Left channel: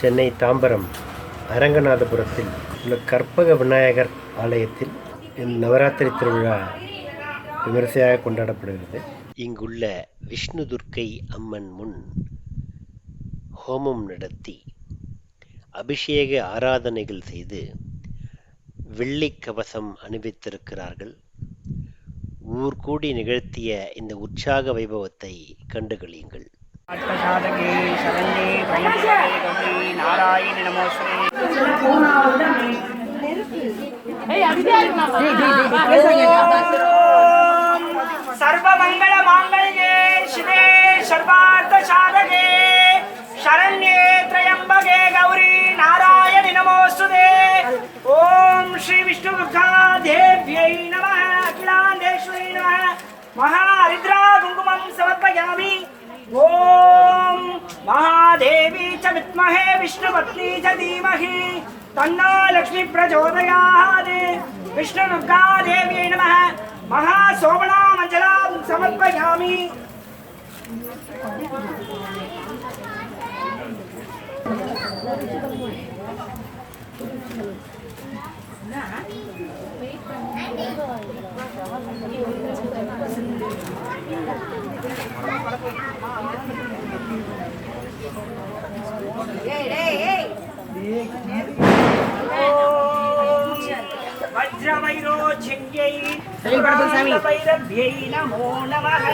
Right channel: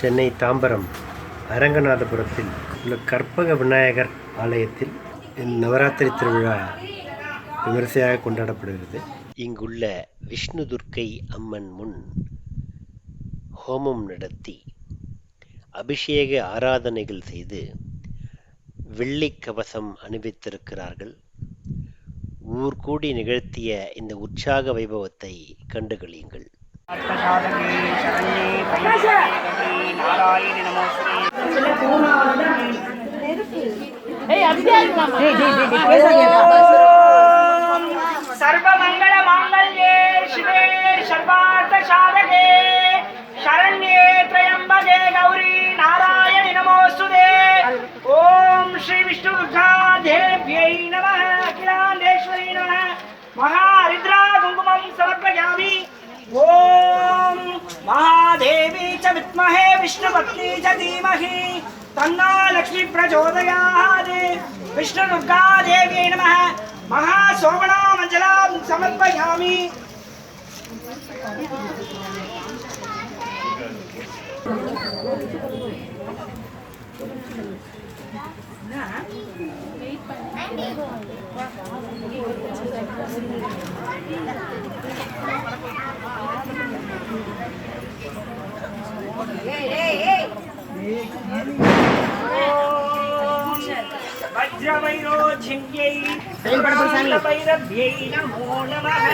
சென்னை தாம்பரம் அரங்கநாதபுரத்தில் உள்ள கற்பக விநாயகர் ஆலயத்தில் நவராத்திரி திருவிழா விமரிசையாக கொண்டாடப்படுகிறது. இங்குள்ள விஷ்ணு துர்க்கை அம்மன் முன் ஹோமம் நடத்தி அபிஷேக ஆராதனைகள் செய்து வெள்ளி கவசம் அணிவித்திருக்கிறார்கள். ஊர் கூடி நிகழ்த்திய இந்த உற்சாக வைபவத்தை கண்டுகளியுங்கள். சர்வமங்கள மாங்கல்யே சிவே சர்வார்த்த சாதகே शरण्ये त्र्यंबके गौरी नारायणि नमोस्तुते. ओम श्री विष्णु दुर्गादेव्यै नमः. अखिलांडेश्वरी नमः. महारुद्रा कुंकुमं समर्पयामि. ओम महादेवी च विद्महे विष्णुपत्नी च धीमहि तन्नो लक्ष्मी प्रचोदयात्. विष्णु दुर्गादेव्यै नमः. महासोमनामञ्जलां समर्पयामि. वज्रवैरोचिन्यै भैरव्यै नमो नमः.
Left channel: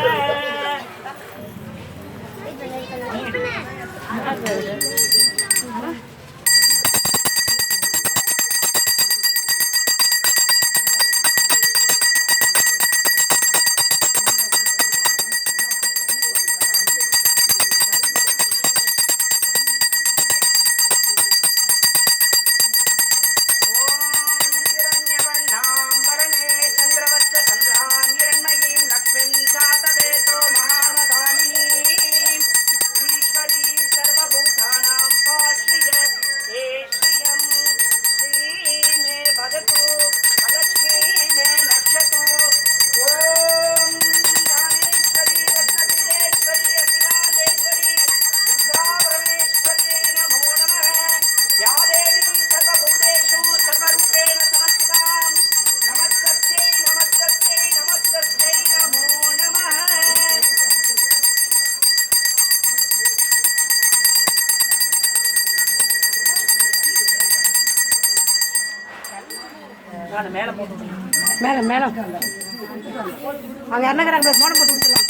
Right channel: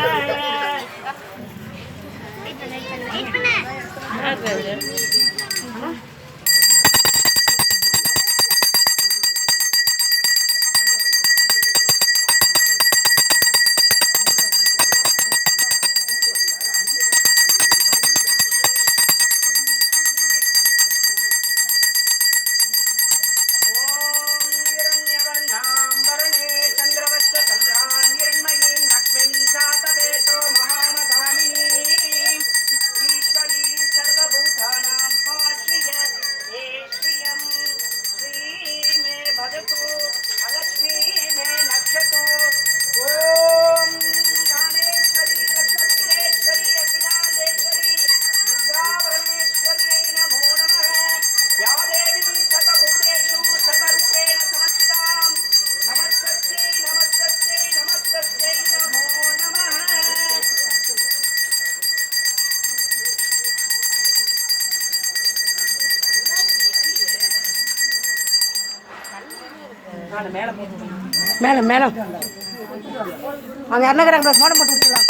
மேல மேல அவங்க யாருன்னா மோடம் போட்டு விட்டுலாம்.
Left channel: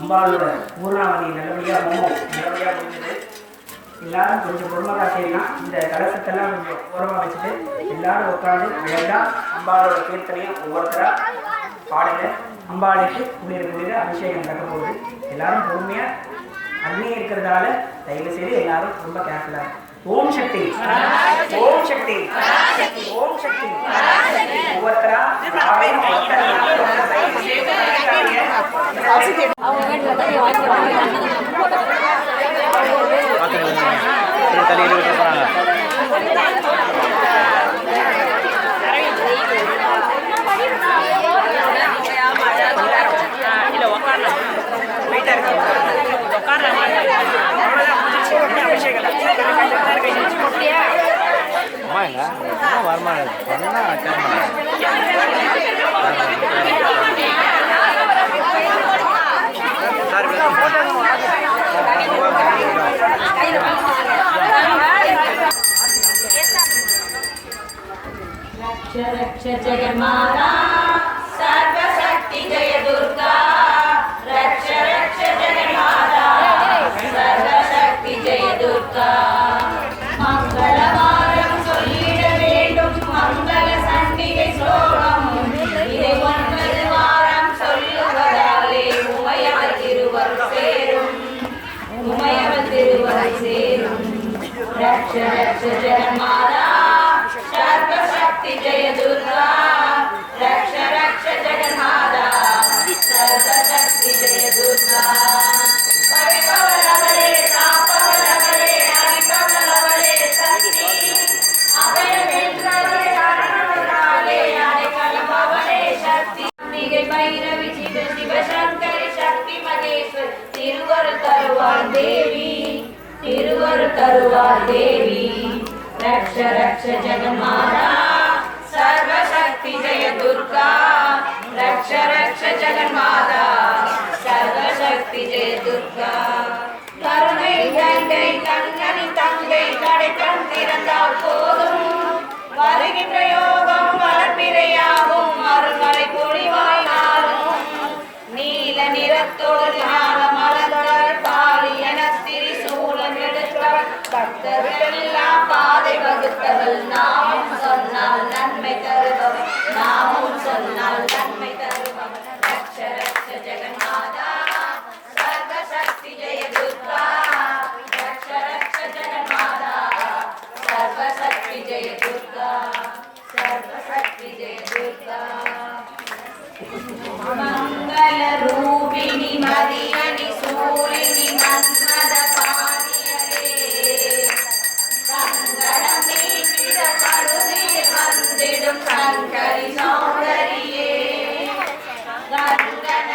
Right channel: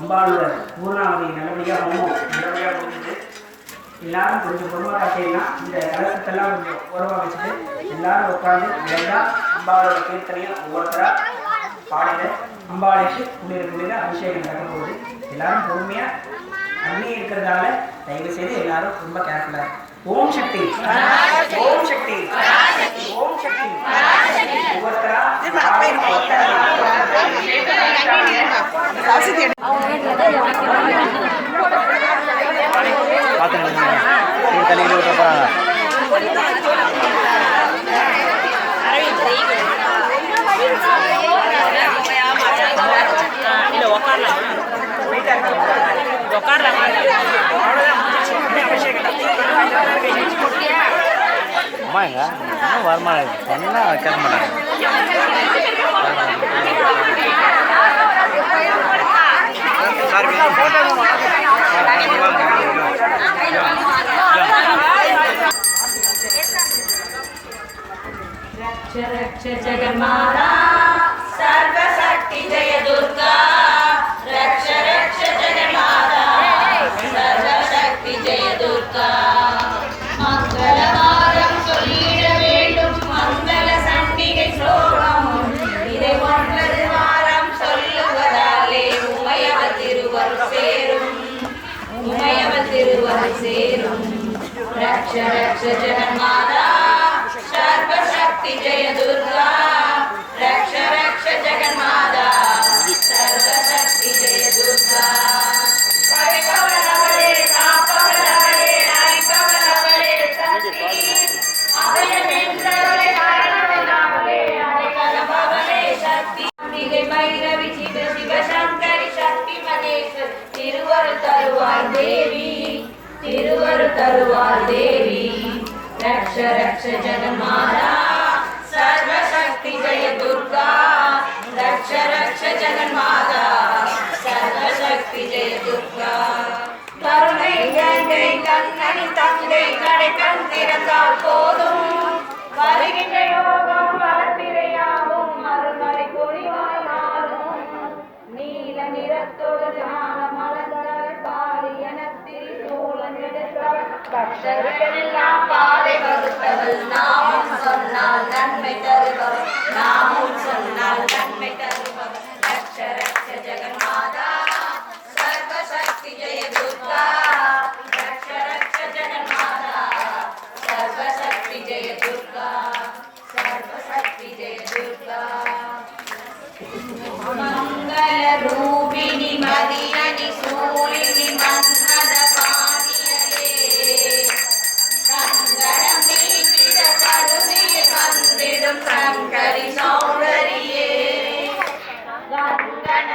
அம்பாளோட பூர்ணாவதி நல்லபடியாக முடிஞ்சது. எல்லாரும் கொஞ்சம் பொறுமையாக செய்யலாம். இந்த கலசத்தெல்லாம் கொஞ்சம் ஓரமாக வச்சுட்டு எல்லாரும் உட்காந்து விளையாண்டா அம்பாளோட கீர்த்தனையும் ஒவ்வொருத்தராக பாடுங்க. அம்பாளுக்கு உள்ளிருக்க அபிஷேகம் நடக்க போகுது. எல்லாரும் பொறுமையாக அக்னி இருக்கிறதால தயவு செய்து எல்லாரும் ரொம்ப கேர்ஃபுல்லாக. ஓம் சக்தி, ஓம் சக்தி, ஓம் சக்தி. ஒவ்வொருத்தரா அம்மாங்க வருமானம் சொன்னா रक्ष जगन्माता सर्वशक्ति जय दुर्गा रक्ष रक्ष जगन्माता सर्वशक्ति जय दुर्गा मंगलवारम சொல்லிட வேண்டும் மங்கள சண்டிகை ஸ்லோகம் இதை ஒன்பது வாரம் சொல்லுவதாலே உமையவர் திருவருள் சேரும் உமையவர் திருவருள் சேரும் रक्ष रक्ष जगन्माता सर्वशक्ति जय दुर्गा रक्ष रक्ष जगन्माता सर्वशक्ति जय दुर्गा परिपवलवले तापवलवले हरिपवलवले शक्ति अभयमित्रवले कारणवले अरेकलभवले शक्ति अंबिके भैरवी शिव शिव शंकरी शक्ति महेश्वरी तिरुवरुள் तरुवाय देवी तिरुवरुள் तरुवाय देवी रक्ष रक्ष जगन्माता सर्वशक्ति जय दुर्गा रक्ष रक्ष जगन्माता सर्वशक्ति जय दुर्गा கருணை கங்கை கண்ணனின் தங்கை கடை கண் திறந்தால் போதும் வருகின்ற யோகம் வளர்ப்பிரையாகும் மறுமலை பொழிவாய் நாளும் நீல நிறத்தோடு ஞான மலர்கள் பாரி என திரிசூலம் எடுத்தவர் பக்தர்களெல்லாம் பாதை வகுத்தவள் நாமும் சொன்னால் நன்மை தருபவர் நாமும் சொன்னால் நன்மை தருபவர் ரக்ஷ ரக்ஷ ஜெகன்மாதா सर्वशक्ति जय दुर्गा रक्ष रक्ष जगन्माता सर्वशक्ति जय दुर्गा सर्वशक्ति जय दुर्गा मंगल रूपिणी मदियनि सूलिनि मन्मद पानियले कंगणं मीटिड करुणीर वन्दिडुम शंकरी सौन्दरिये कंगण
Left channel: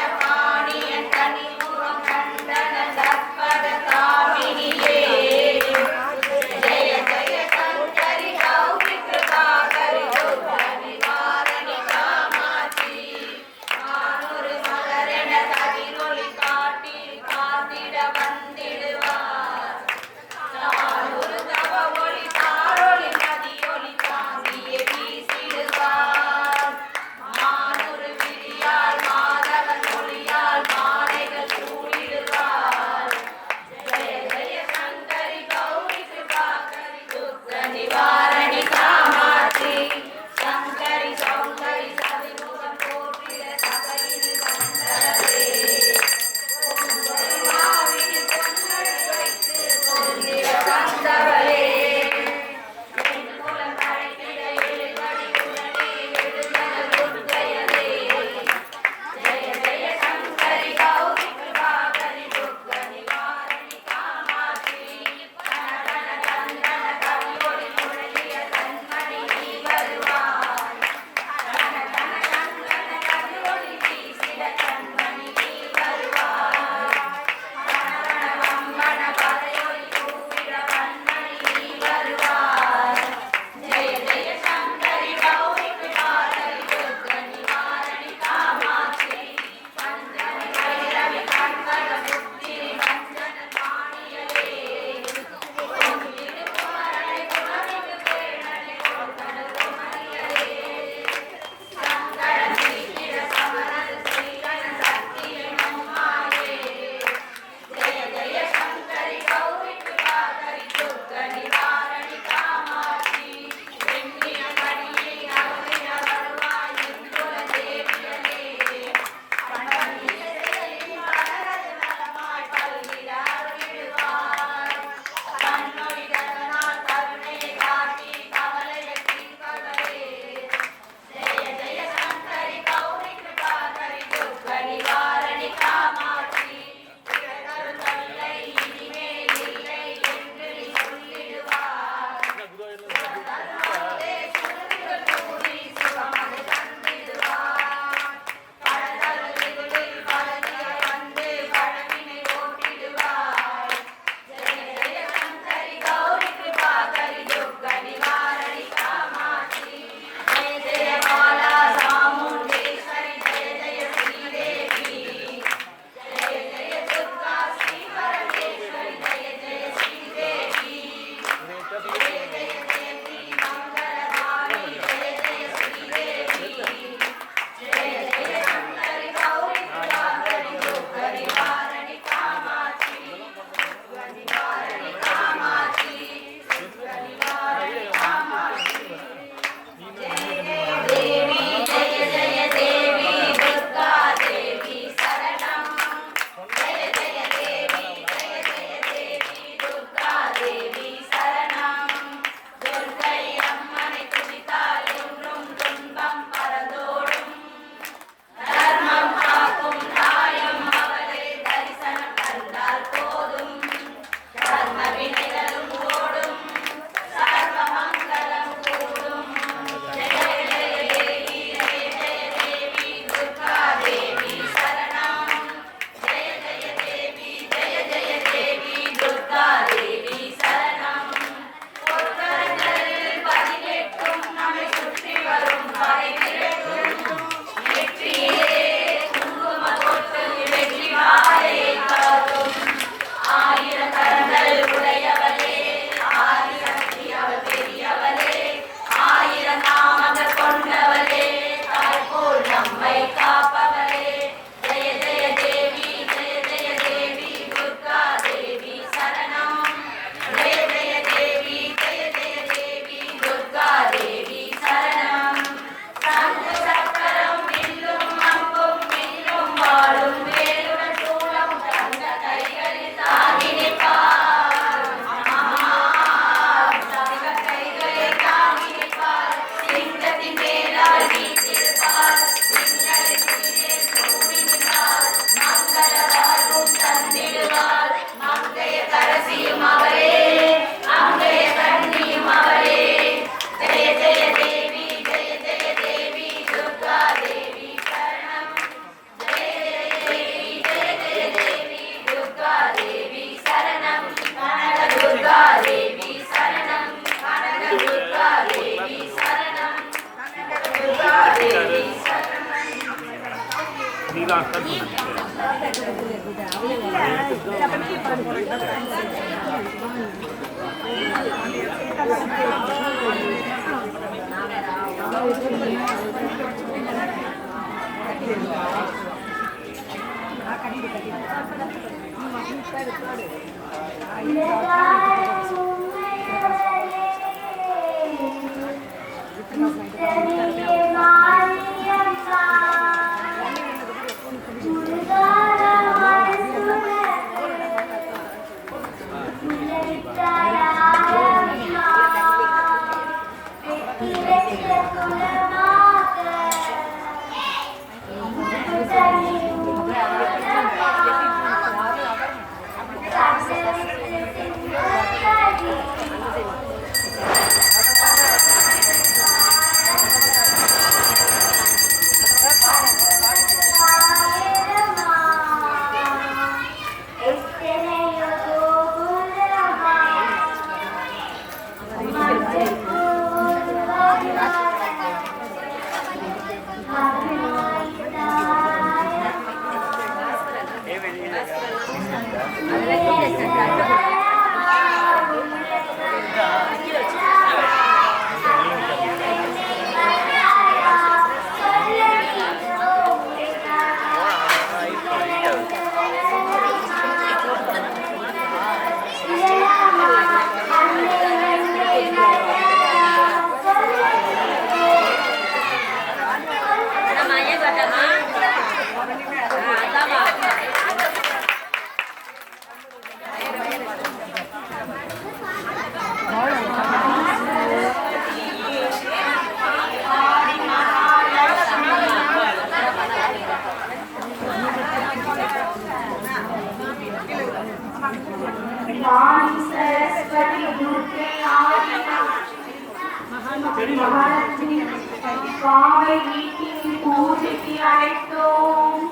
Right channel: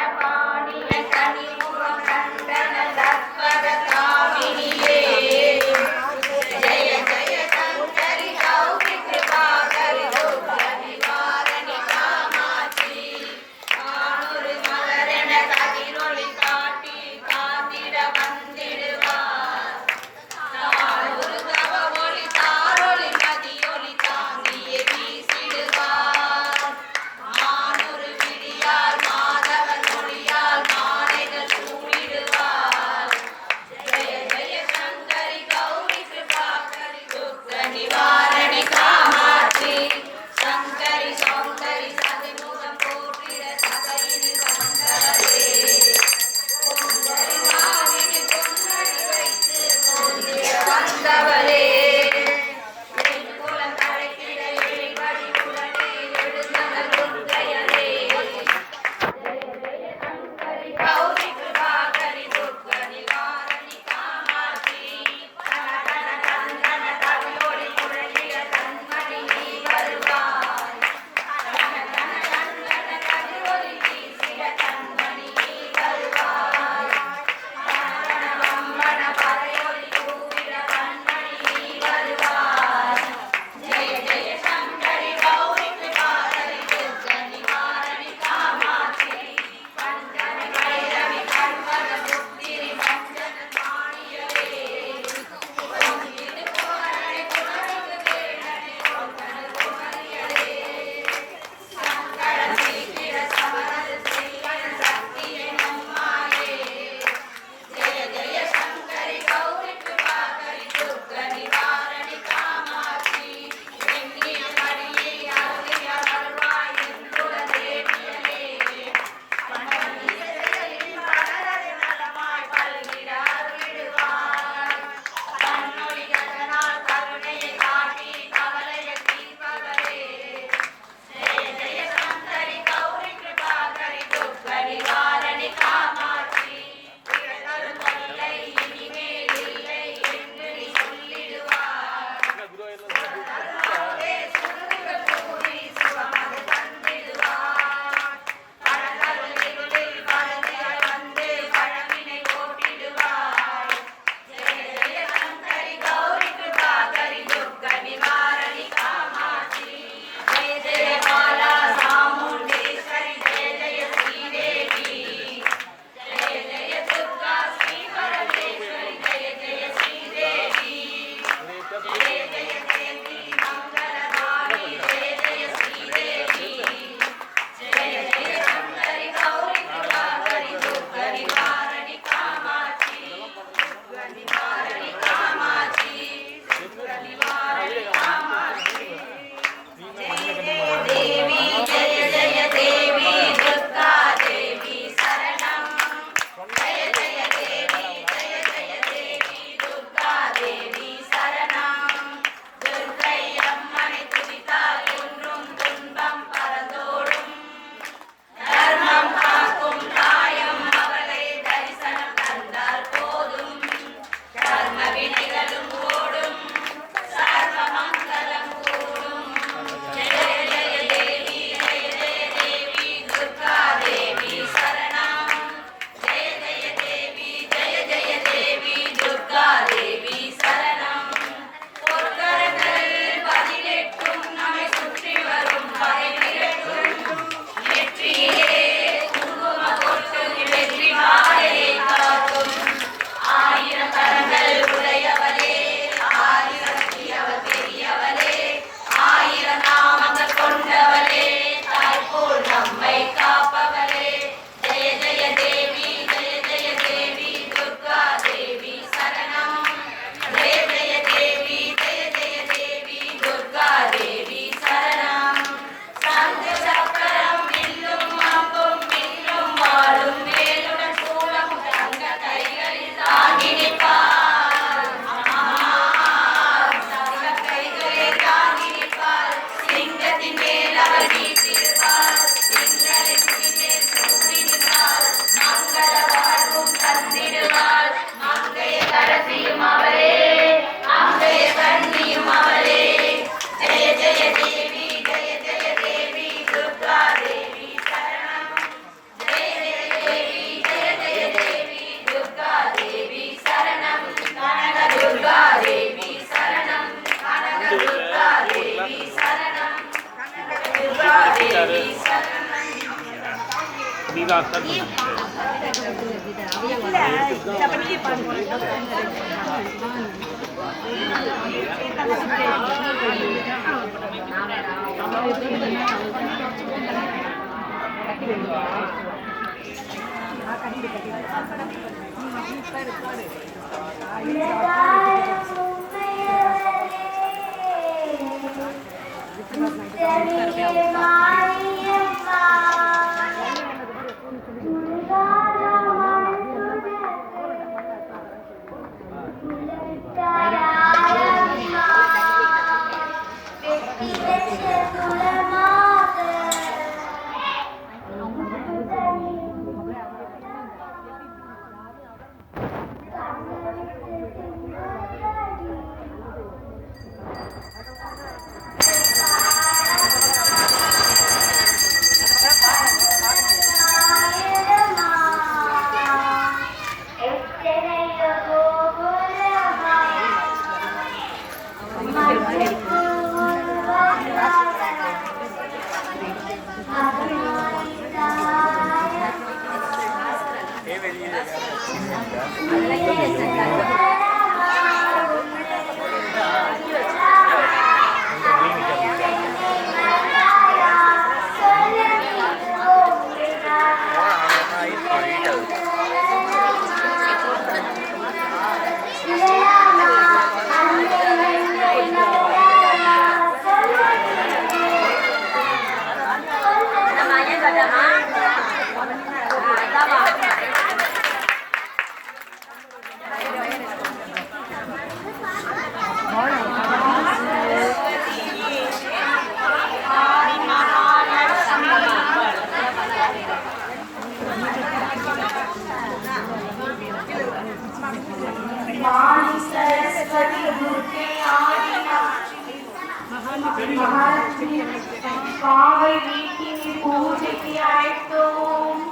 காவை வீட்டில் பூஜைக்கு அழைத்தோம்,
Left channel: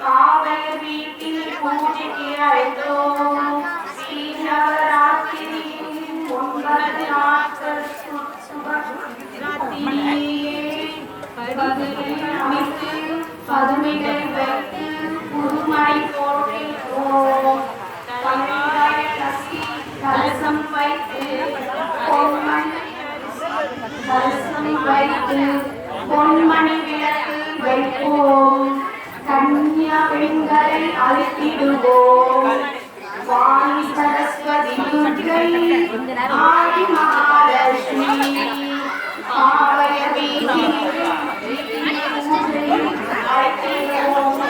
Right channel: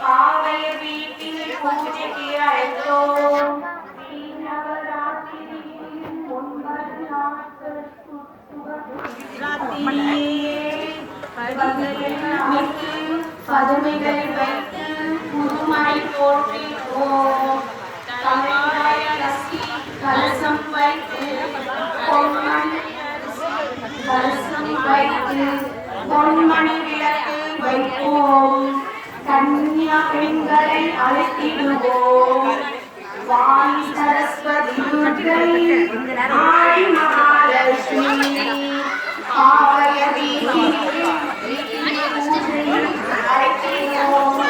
காவை வீட்டில் பூஜைக்கு அழைத்தோம். ஸ்ரீ நவராத்திரியின் 9 நாட்கள் சுபராத்திரியே பதிகளில் அமைத்து பதுமைகள் வைத்து புதுமணி போற்றிப்போம். தலையாய கலசம் வைத்து பொன்மணி விளக்கு வைப்போம். கன்னியா பெண்களை அழைத்திடுவோம். வாணி சரஸ்வதி துர்க்கை ஆடி மகாலட்சுமி ஆவய வீட்டில் அழைத்திடுவோம்.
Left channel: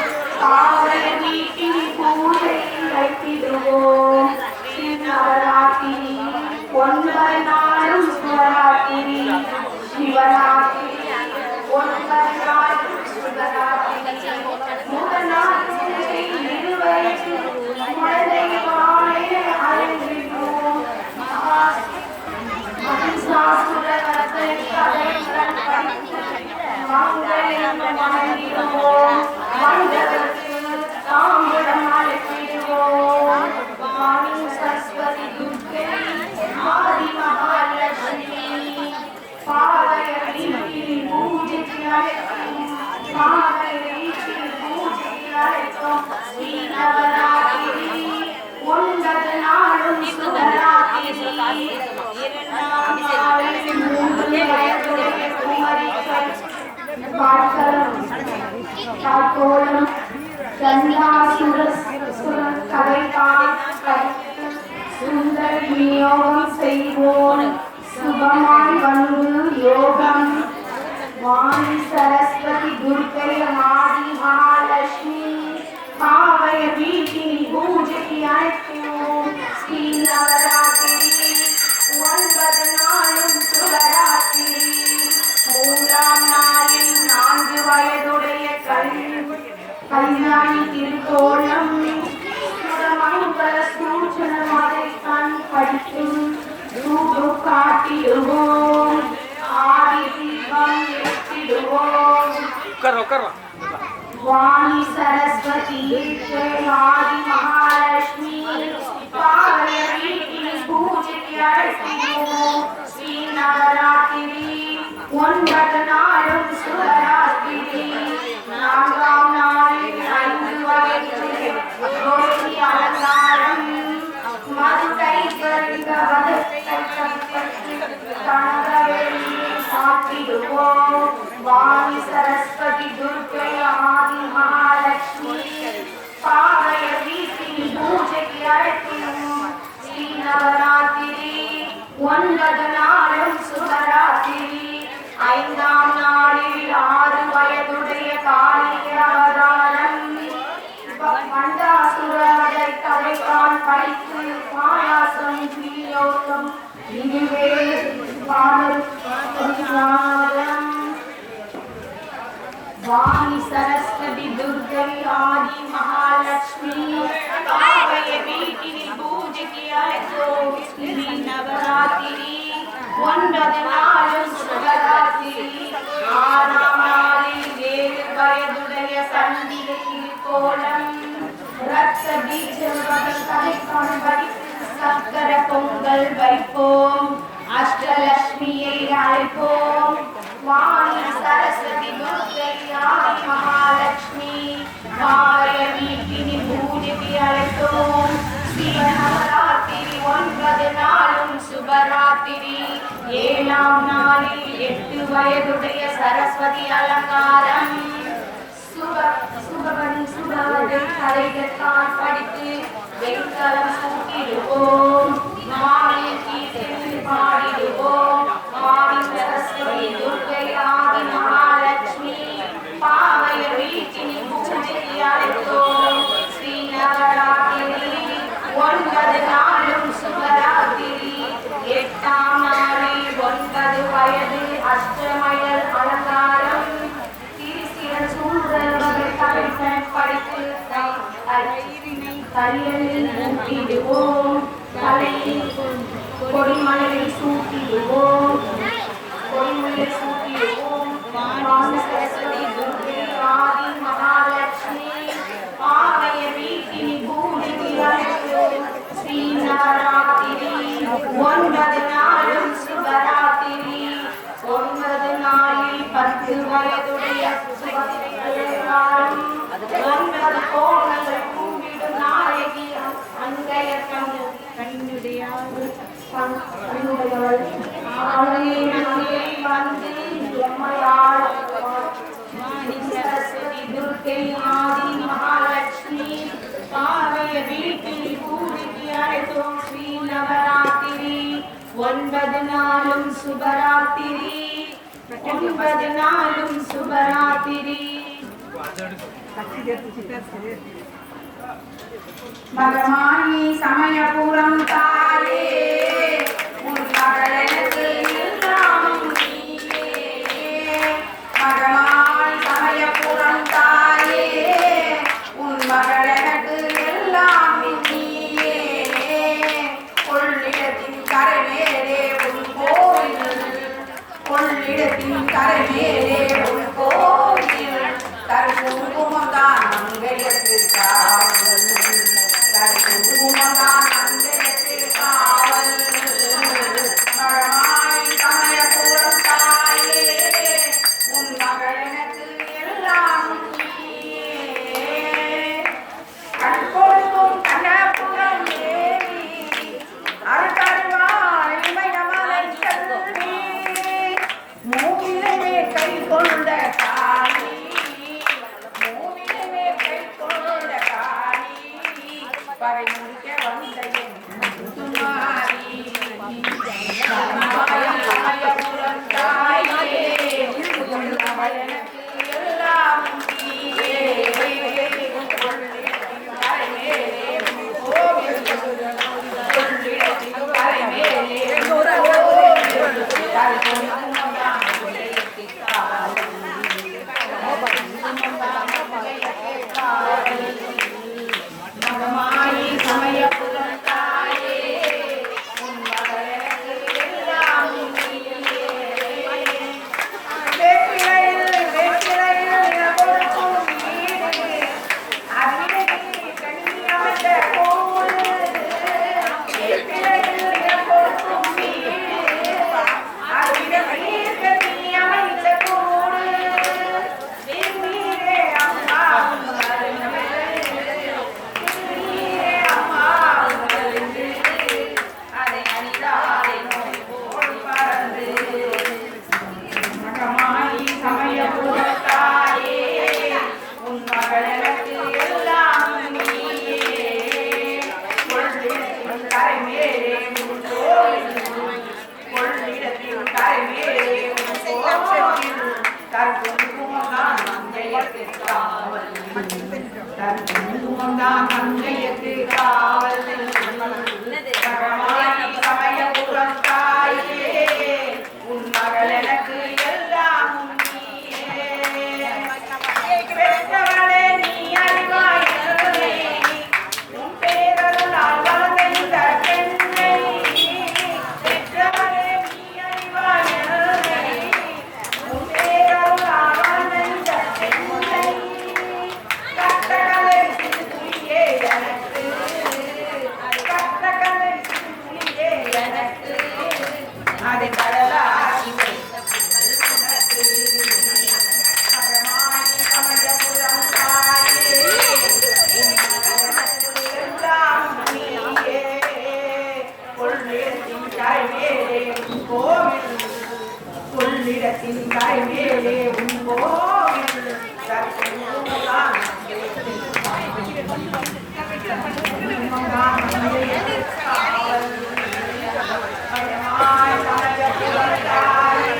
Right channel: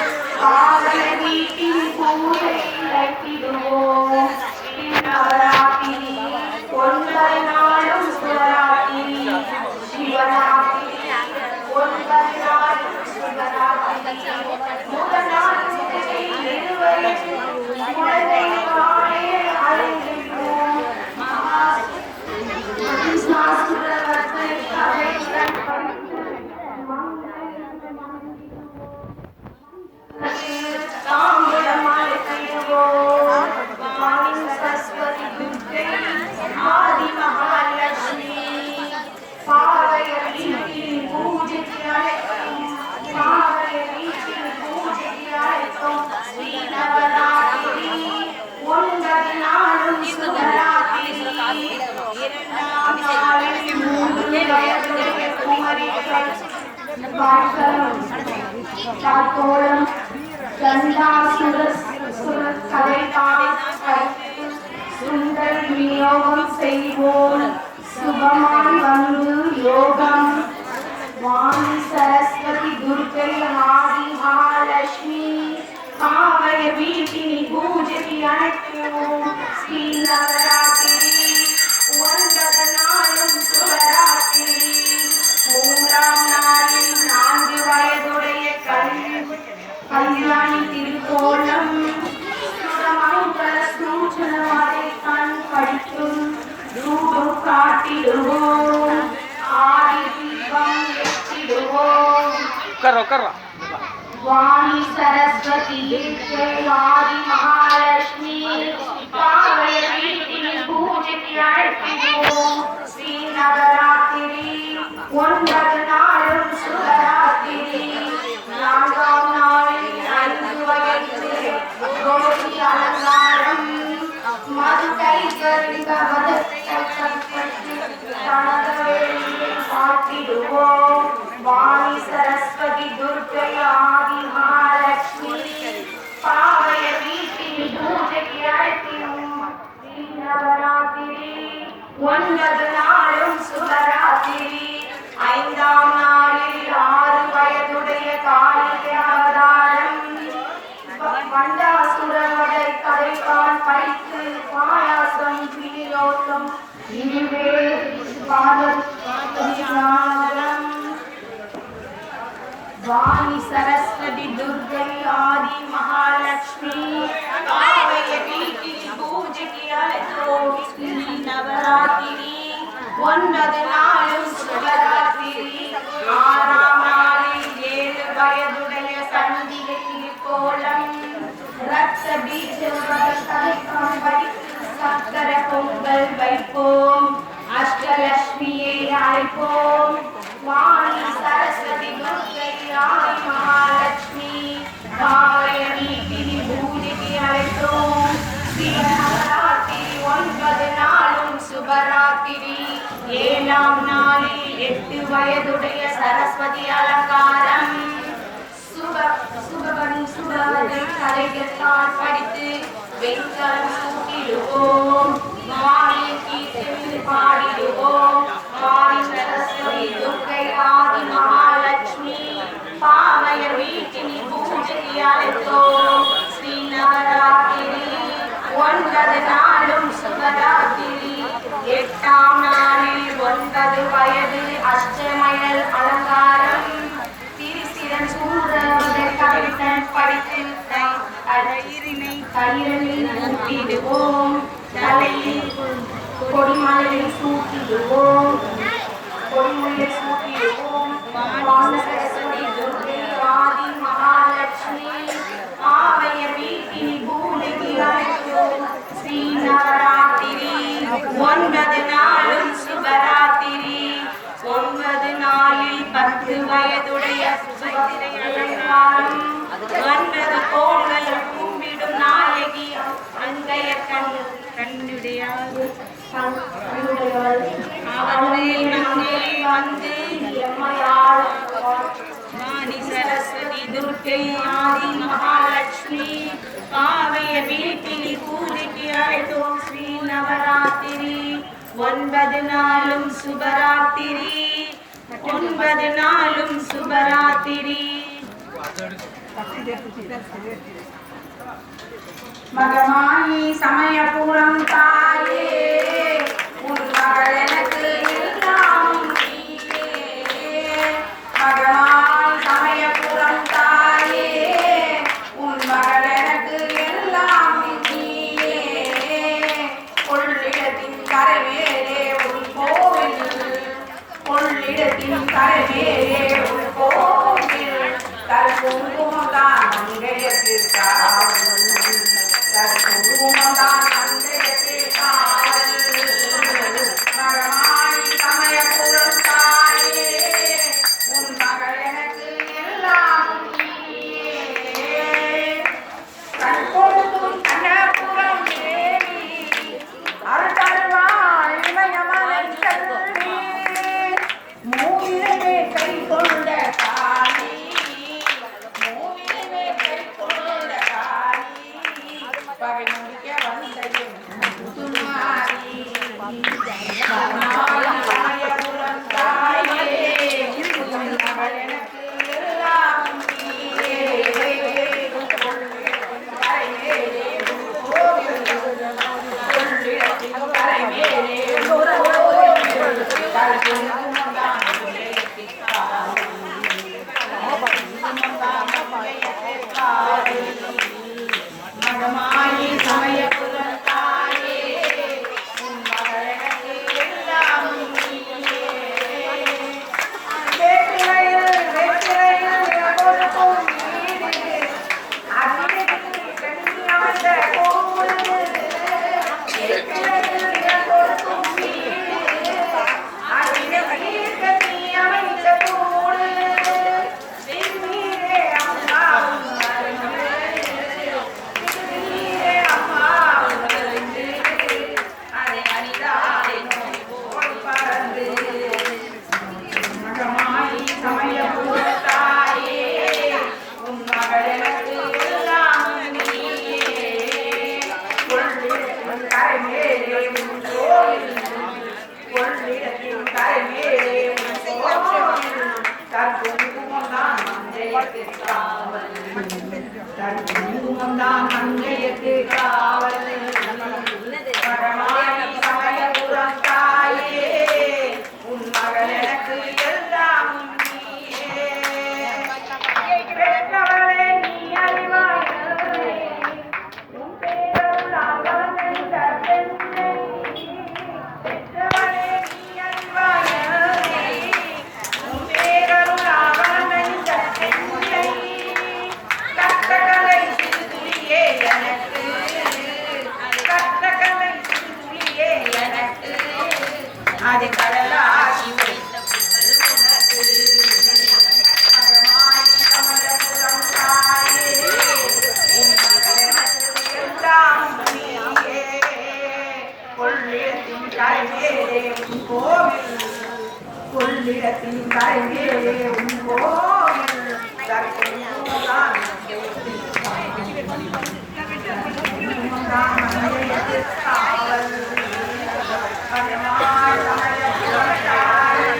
ஆவய வீட்டில் பூஜை அழைத்திடுவோம். நவராத்திரி 9 நாளும் சிவராத்திரி சிவராத்திரி 9 நாளும் சிவராத்திரி. முதல் நாள் இருவயது குழந்தை மாலை அழைத்திடுவோம். மகிஷாசுரவர்த்தை கதைகள் படித்து மங்களம் வணங்கிடுவோம். மங்களத்துக்கு தாமிரம் அழைத்திடுவோம். வாணி சரஸ்வதி துர்க்கை ஆதி மகாலட்சுமி பாவய வீட்டில் பூஜைக்கு அழைக்கும். பாவய வீட்டில் பூஜைக்கு அழைக்கும். ஸ்ரீ நவராத்திரி 9 நாளும் சுபராத்திரி. 3 வயதுடைய குமரிகள் பார்க்கோளம் கண்டாசுர கதை படித்து சுந்தர விநியோகம் செய்வோம். சுபமாய் வந்து யோகம். வாணி சரஸ்வதி துர்க்கை ஆதி மகாலட்சுமி ஆவய வீட்டில் பூஜைக்கு அழைக்கும். ஸ்ரீ நவராத்திரி 9 நாளும் சுபராத்திரி. 3ஆம் நாளில் 4 வயதுடைய கல்யாணி திருக்கோலம் சுடமங்கல சூச்சனவாதை கண் படித்து ரூபு காட்டிடுவோம். ஆதி தீபம் ஏற்றிடுவோம். வாணி சரஸ்வதி ஆதி மகாலட்சுமி பாவய வீட்டில் பூஜைக்கு அழைத்திடுவோம். ஸ்ரீ நவராத்திரி 9 நாளும் சுபராத்திரி. 4ஆம் நாளில் கௌதம் இனிவே பாதம் வாணி சரஸ்வதி துர்கை ஆதி மகாலட்சுமி காவைய வீட்டில் பூஜைக்கு அழைத்தோம் ஸ்ரீ நவராத்திரி 9 நாளும் சிவராத்திரி 6ஆம் நாளில் 7 வயதுடைய சந்தியை கோலம் ரத்த பீஜங்கள் தலைக்கால் வைத்து சக்கர பொங்கல் வைப்போம் அஷ்டலட்சுமியை அழைப்போம் வாணி சரஸ்வதி துர்கை ஆதி மகாலட்சுமி காவைய வீட்டில் பூஜைக்கு அழைத்தோம் சிவநவராத்திரி 9 நாளும் சுபராத்திரி 7ஆம் நாளில் 8 வயதுடைய சரஸ்வதி அலங்காரம் சுபவதி கலைஞர்கள் படித்து வெண்கலம் சூட்டிடுவோம் வாணி கீர்த்தனை பாடிடுவோம் வாணி சரஸ்வதி துர்கை ஆதி மகாலட்சுமி பாவைய வீட்டினி பூஜைக்கு அழைத்தோம் ஸ்ரீ நவராத்திரி 9 நாளும் சுபராத்திரி 8ஆம் நாளில் 9 வயது அஷ்டமயல் அலங்காரம் திருசிரன் சூரவர்கள் கவிழ்த்தன் படித்து கயிறில் ஊட்டிடுவோம் தலையில் கொடிமலை சூட்டிடுவோம் வாணி சரஸ்வதி துர்கை ஆதி மகாலட்சுமி பாவைய வீட்டினி பூஜைக்கு அழைத்தோம் ஸ்ரீ நவராத்திரி 9 நாளும் சுபராத்திரி 9 நாளில் 10 வயதுடைய சுபத்திரை அலங்காரம் 9 கோணல் கும்பிடும் நாயகி அங்கைய கண்ணுடையார் அவருடைய மங்கையில் வந்து எம்மையாள் வாணி சரஸ்வதி துர்கை ஆதி மகாலட்சுமி பாவைய வீட்டினி பூஜைக்கு அழைத்தோம் ஸ்ரீ நவராத்திரி 9 நாளும் சுபராத்திரி 9 நாளும் சுபராத்திரி மகமாயி சமயபுரம் தாயே உன் மகள் எனக்கு எல்லாம் நீயே மகமாயி சமயபுரம் தாயே உன் மகள் எனக்கு எல்லாம் நீயே கொள்ளிடத்தின் கரைமேலே உன் கோவில் கொள்ளிடத்தின் கரைமேலே உன் கோவில் தற்குங்குமந்தான் மங்கையத்திற்காவல் தற்குங்குமந்தான் மங்கையத்திற்காவல் மகமாயி சமயபுரம் தாயே உன் மகள் எனக்கு எல்லாம் நீயே கண் கொடுக்கும் கண்ணபுரம் தேவி அருள்தருவாள் இமயமலை செல்வி மூவிலே கை கொண்ட காளி மூவிலே கை கொண்ட காளி பகை முடிக்க வந்த என் துமாரி மகமாயி சமயபுரம் தாயே உன் மகள் எனக்கு எல்லாம் நீயே கொள்ளிடத்தின் கரைமேலே உன் கோவில் கொள்ளிடத்தின் கரைமேலே ஒரு கோவில் தற்குங்குமந்தான் மங்கையத்திற்காவல் மகமாயி சமயபுரம் தாயே உன் மகள் எனக்கு எல்லாம் நீயே வேப்பிலையில் கொடுக்கும் வீடு அதில் கண்ணியமந்த கோவில் வேப்பிலையில் கொடுக்கும் வீடு அதில் கண்ணியமந்த கூடு வெண்ணீரே அம்மா நீரே அம்மா உணர்ந்து அதை அணிதாலே நோய் போல் பறந்து மகமாயி சமயபுர தாயே உன் மகள் எனக்கு எல்லாம் நீயே கொள்ளிடத்தின் கரைமேலே உன் கோவில் கொள்ளிடத்தின் கரைமேலே உன் கோவில் தற்குங்குமந்தான் மங்கையத்திற்காவல் தற்குங்குமந்தான் மங்கையத்திற்காவல் மகமாயி சமய அதை கடலாகி வைத்த புகழ் உனக்கு மரமாய் கமலபுரம் தாயே உன் மகளனது எல்லாம் நீயே கொள்ளிடத்தின் கரைமேலே உன் கோவில் கொள்ளிடத்தின் கரைமேலே உன் கோவில் தற்கொள்ளுதான் காவல் மரமாய் கமலபுரம் தாயே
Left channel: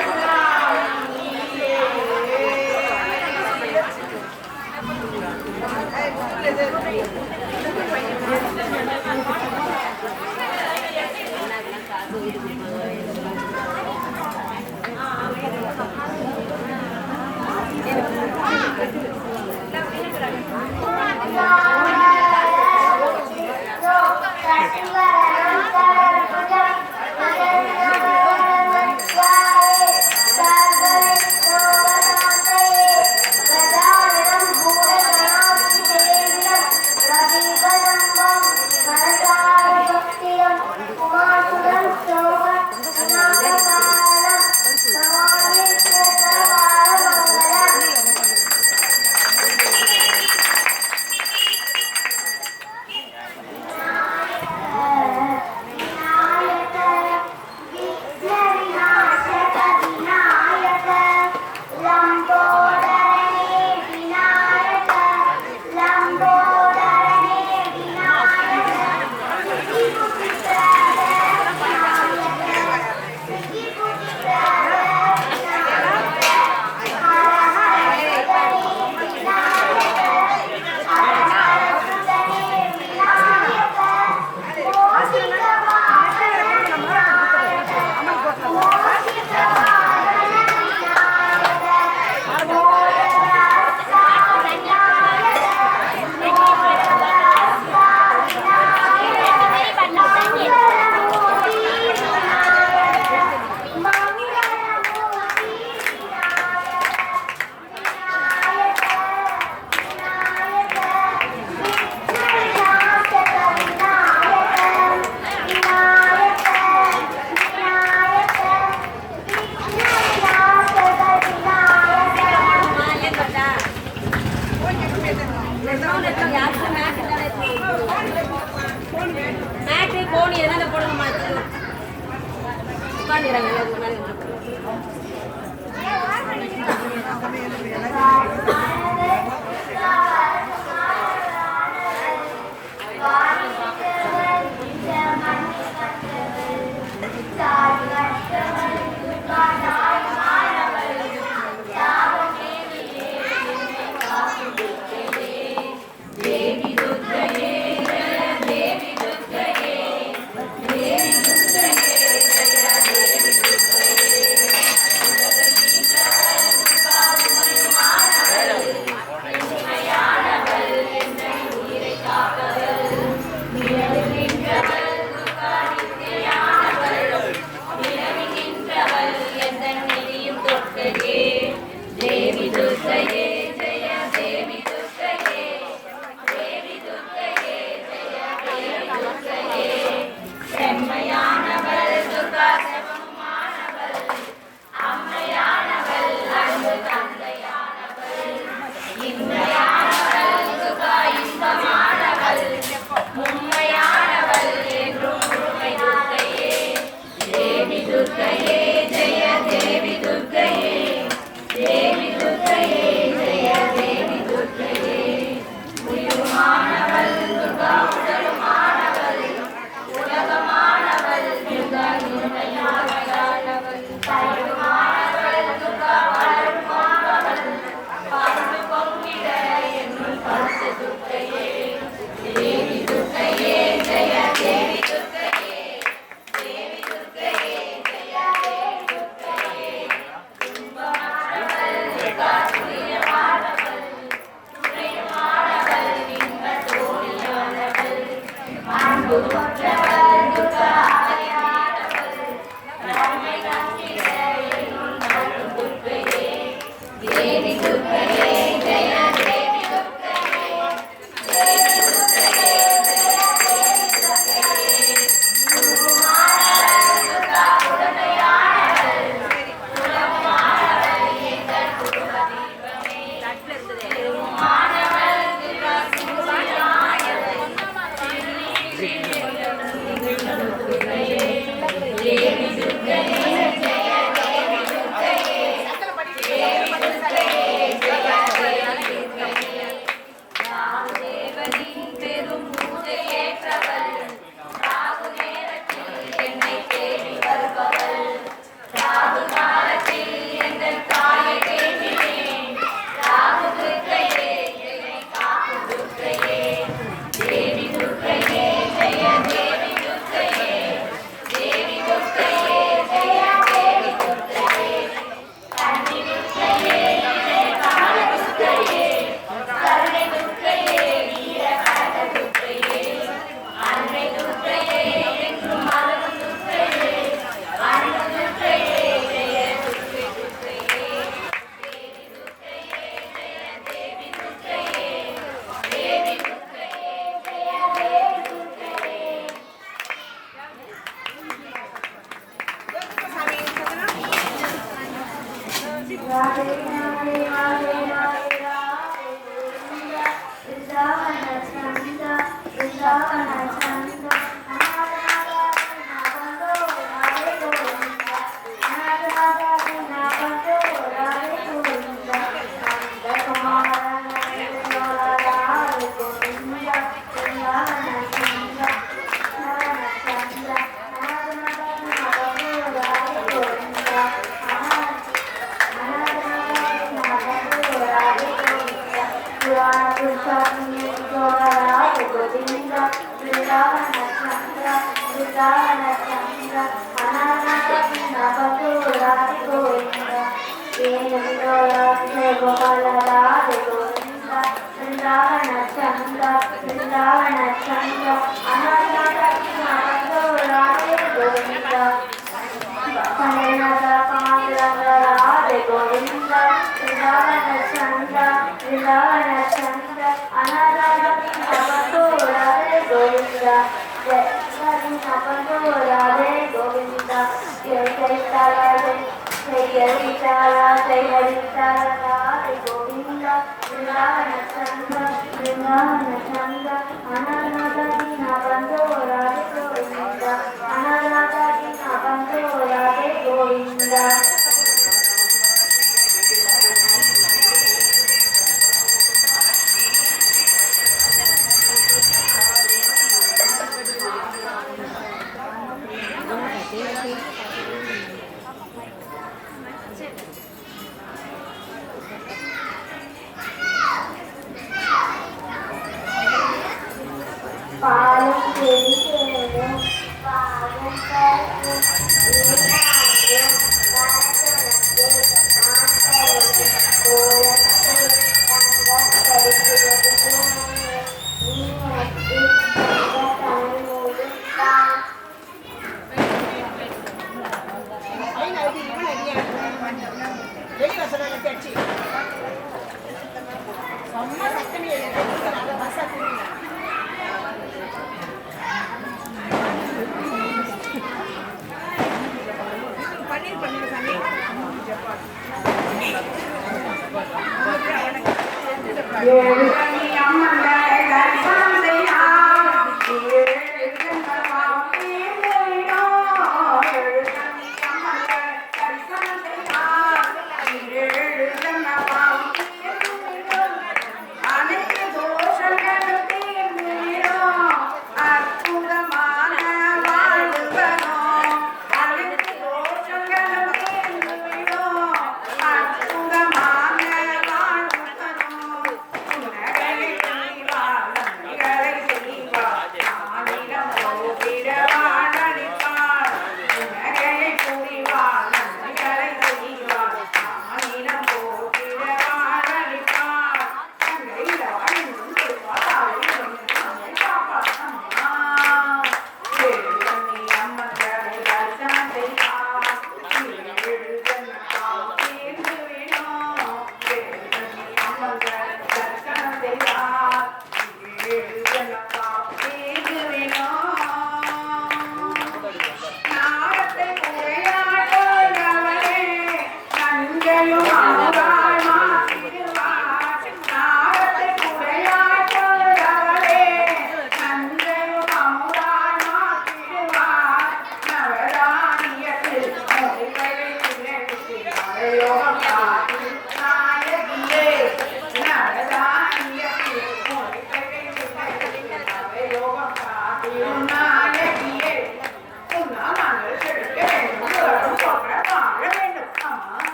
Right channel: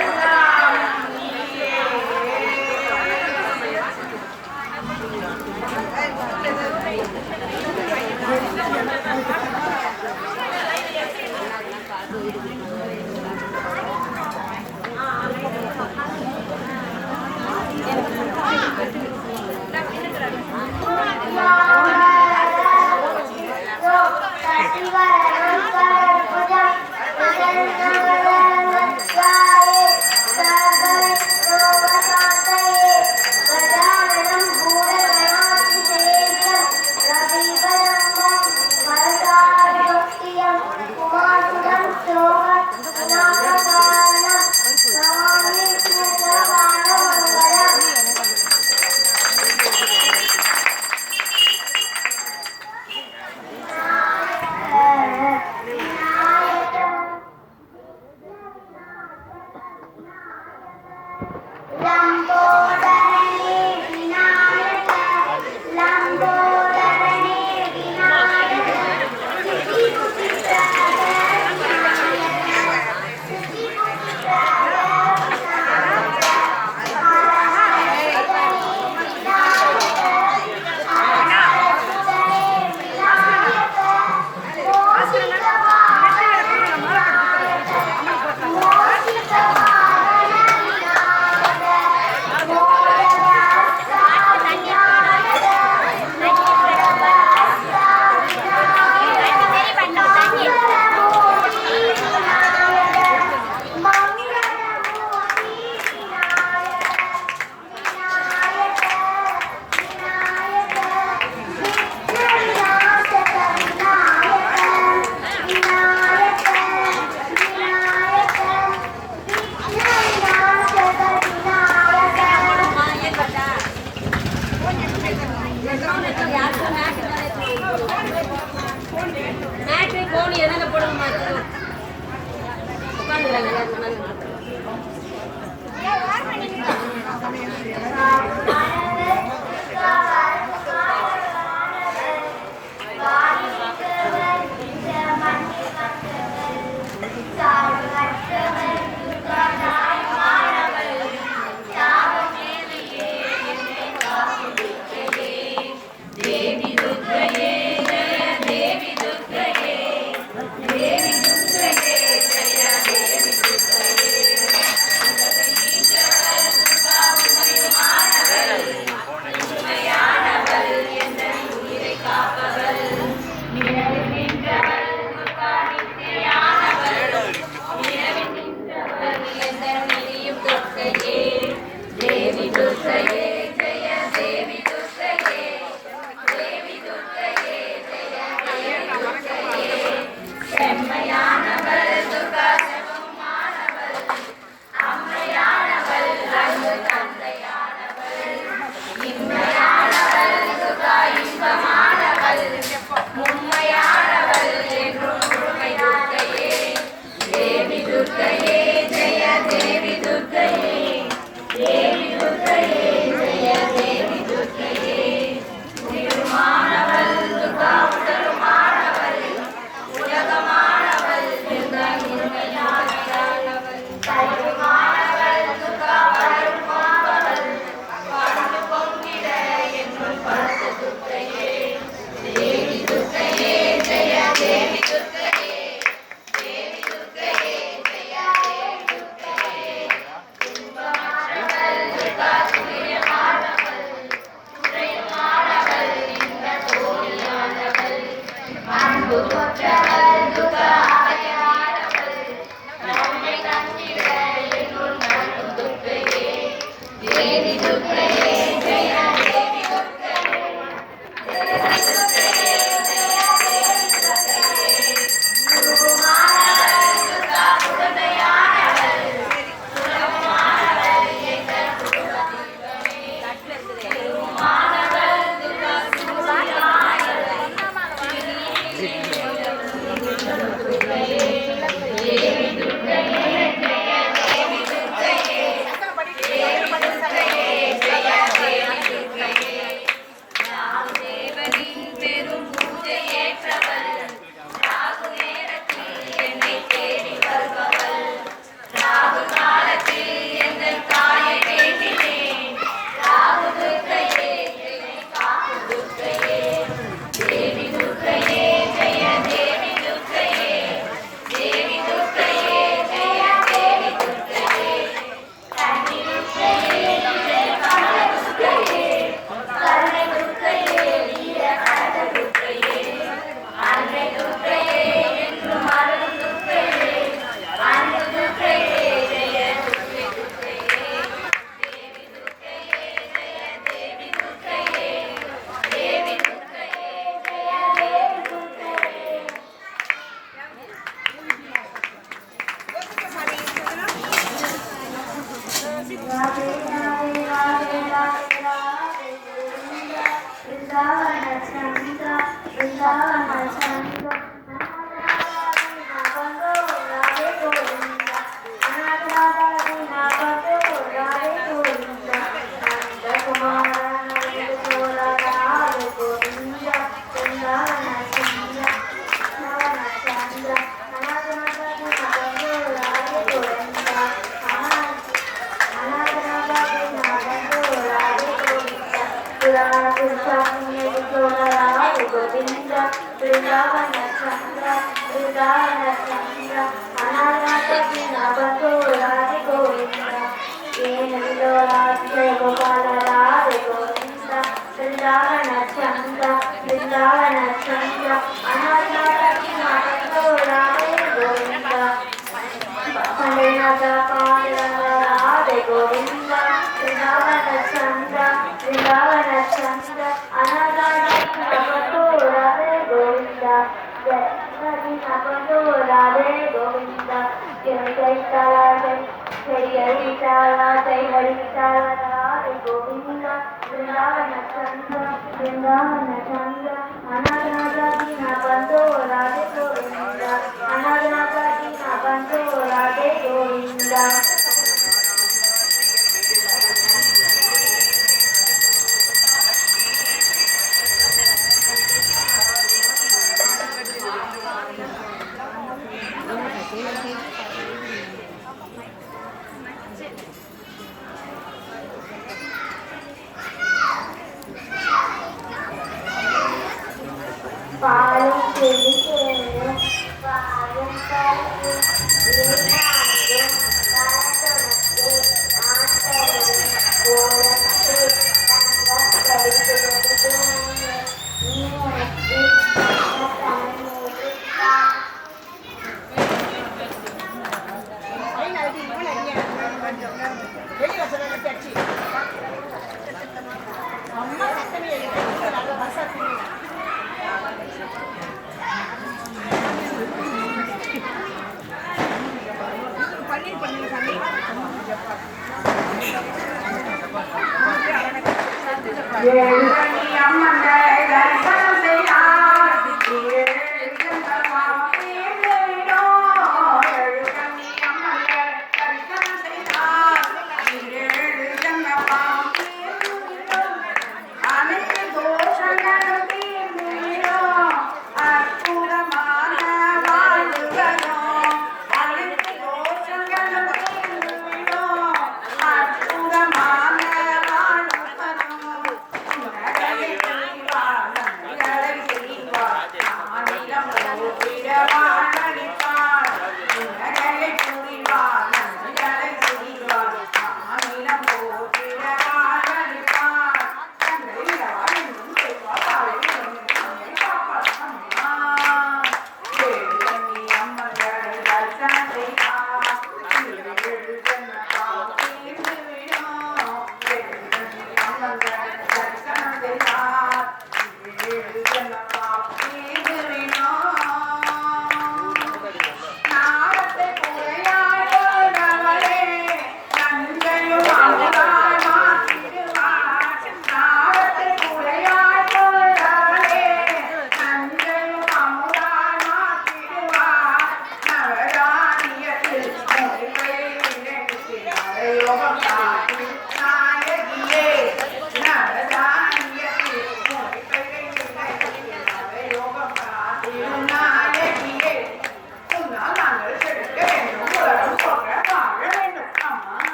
எல்லாம் நீயே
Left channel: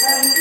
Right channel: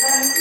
Oh,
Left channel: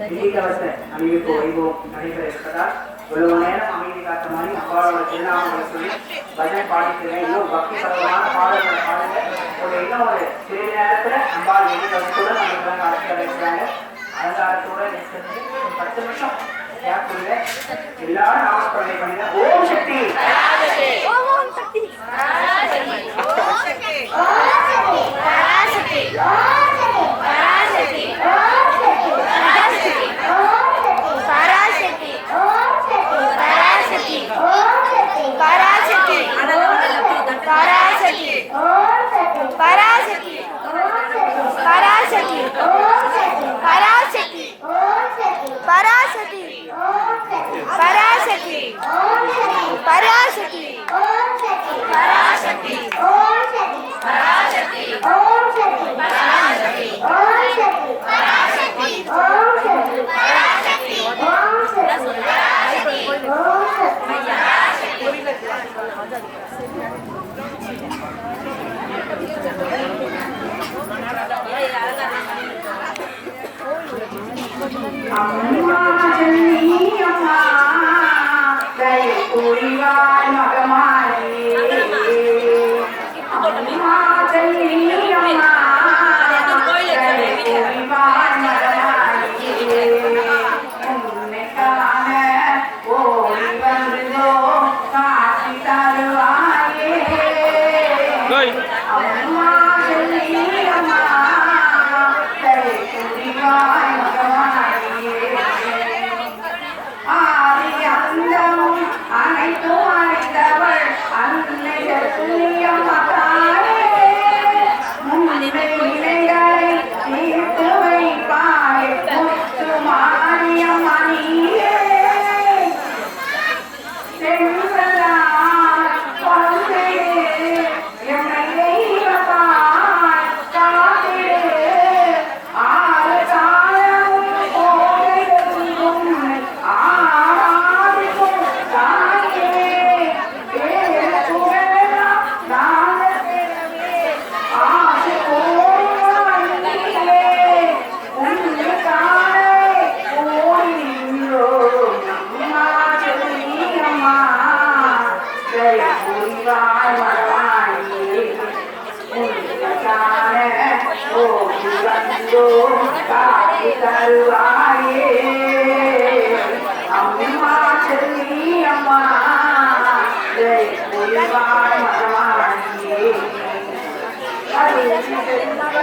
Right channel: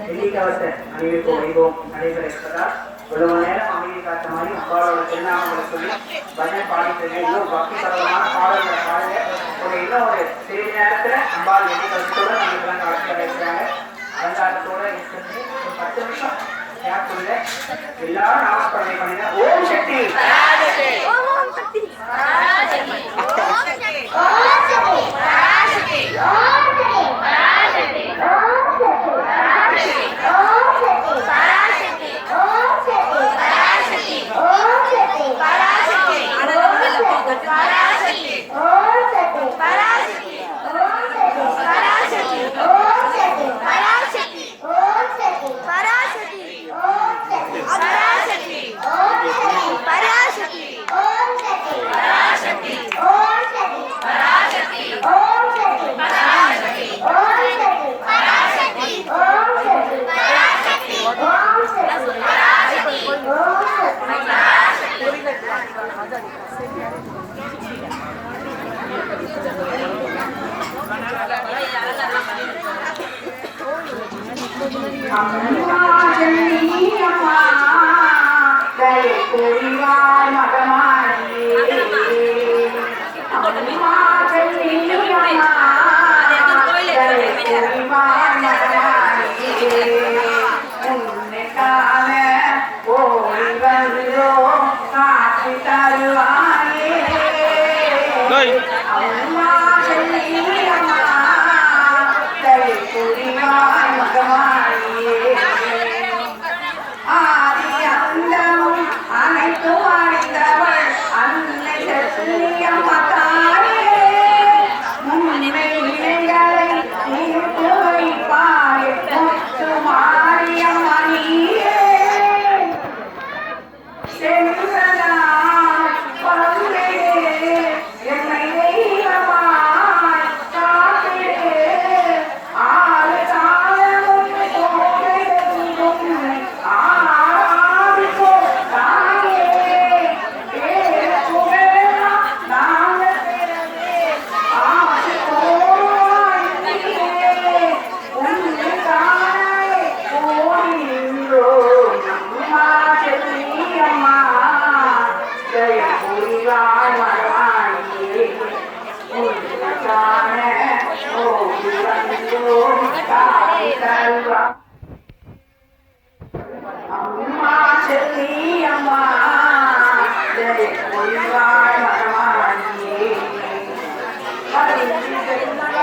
வெள்ளிக்கவச அணிவிப்பு வைபவம் நடைபெற இருப்பதால் இவ்வளவு நேரம் அமைதி காத்த மாதிரி அம்பாளோட திருநாமங்களை சொல்லி பஜனை பாடிட்டு இன்னும் பக்தி பரவமான பாடல்களை பாடுங்க. இன்னும் ஒரு சிறிது நேரத்துல அம்பாள் வெள்ளிக்கவசத்தோட நமக்கு அழைப்பு இருக்கிறாங்க. அலங்காரத்தோட இருக்கிறது ஒரு 10 நிமிஷம் கேட்குங்க. எல்லாரும் நாமஸ்மரணை பண்ணுங்க. ஓம் சக்தி ஓம் சக்தி Thank you.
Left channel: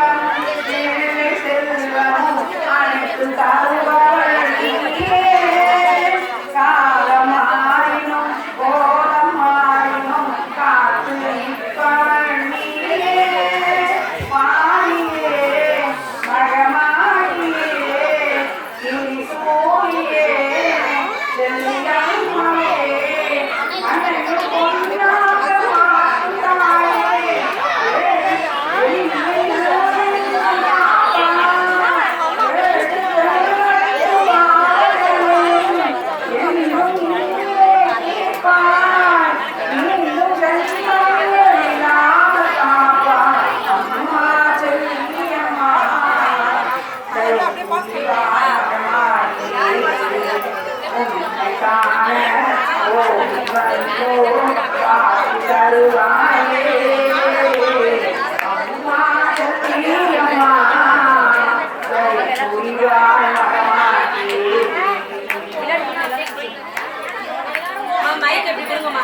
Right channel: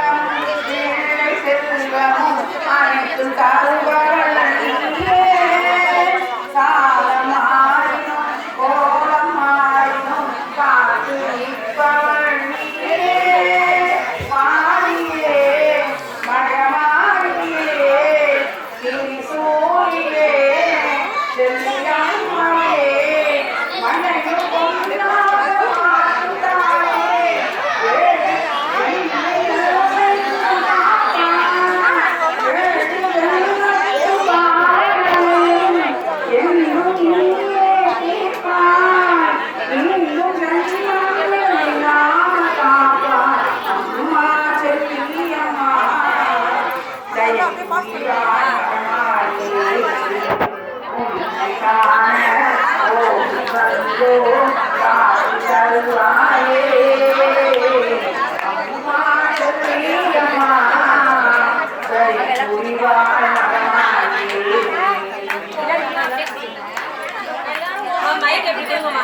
மைக் எப்படி கொடுங்கம்மா.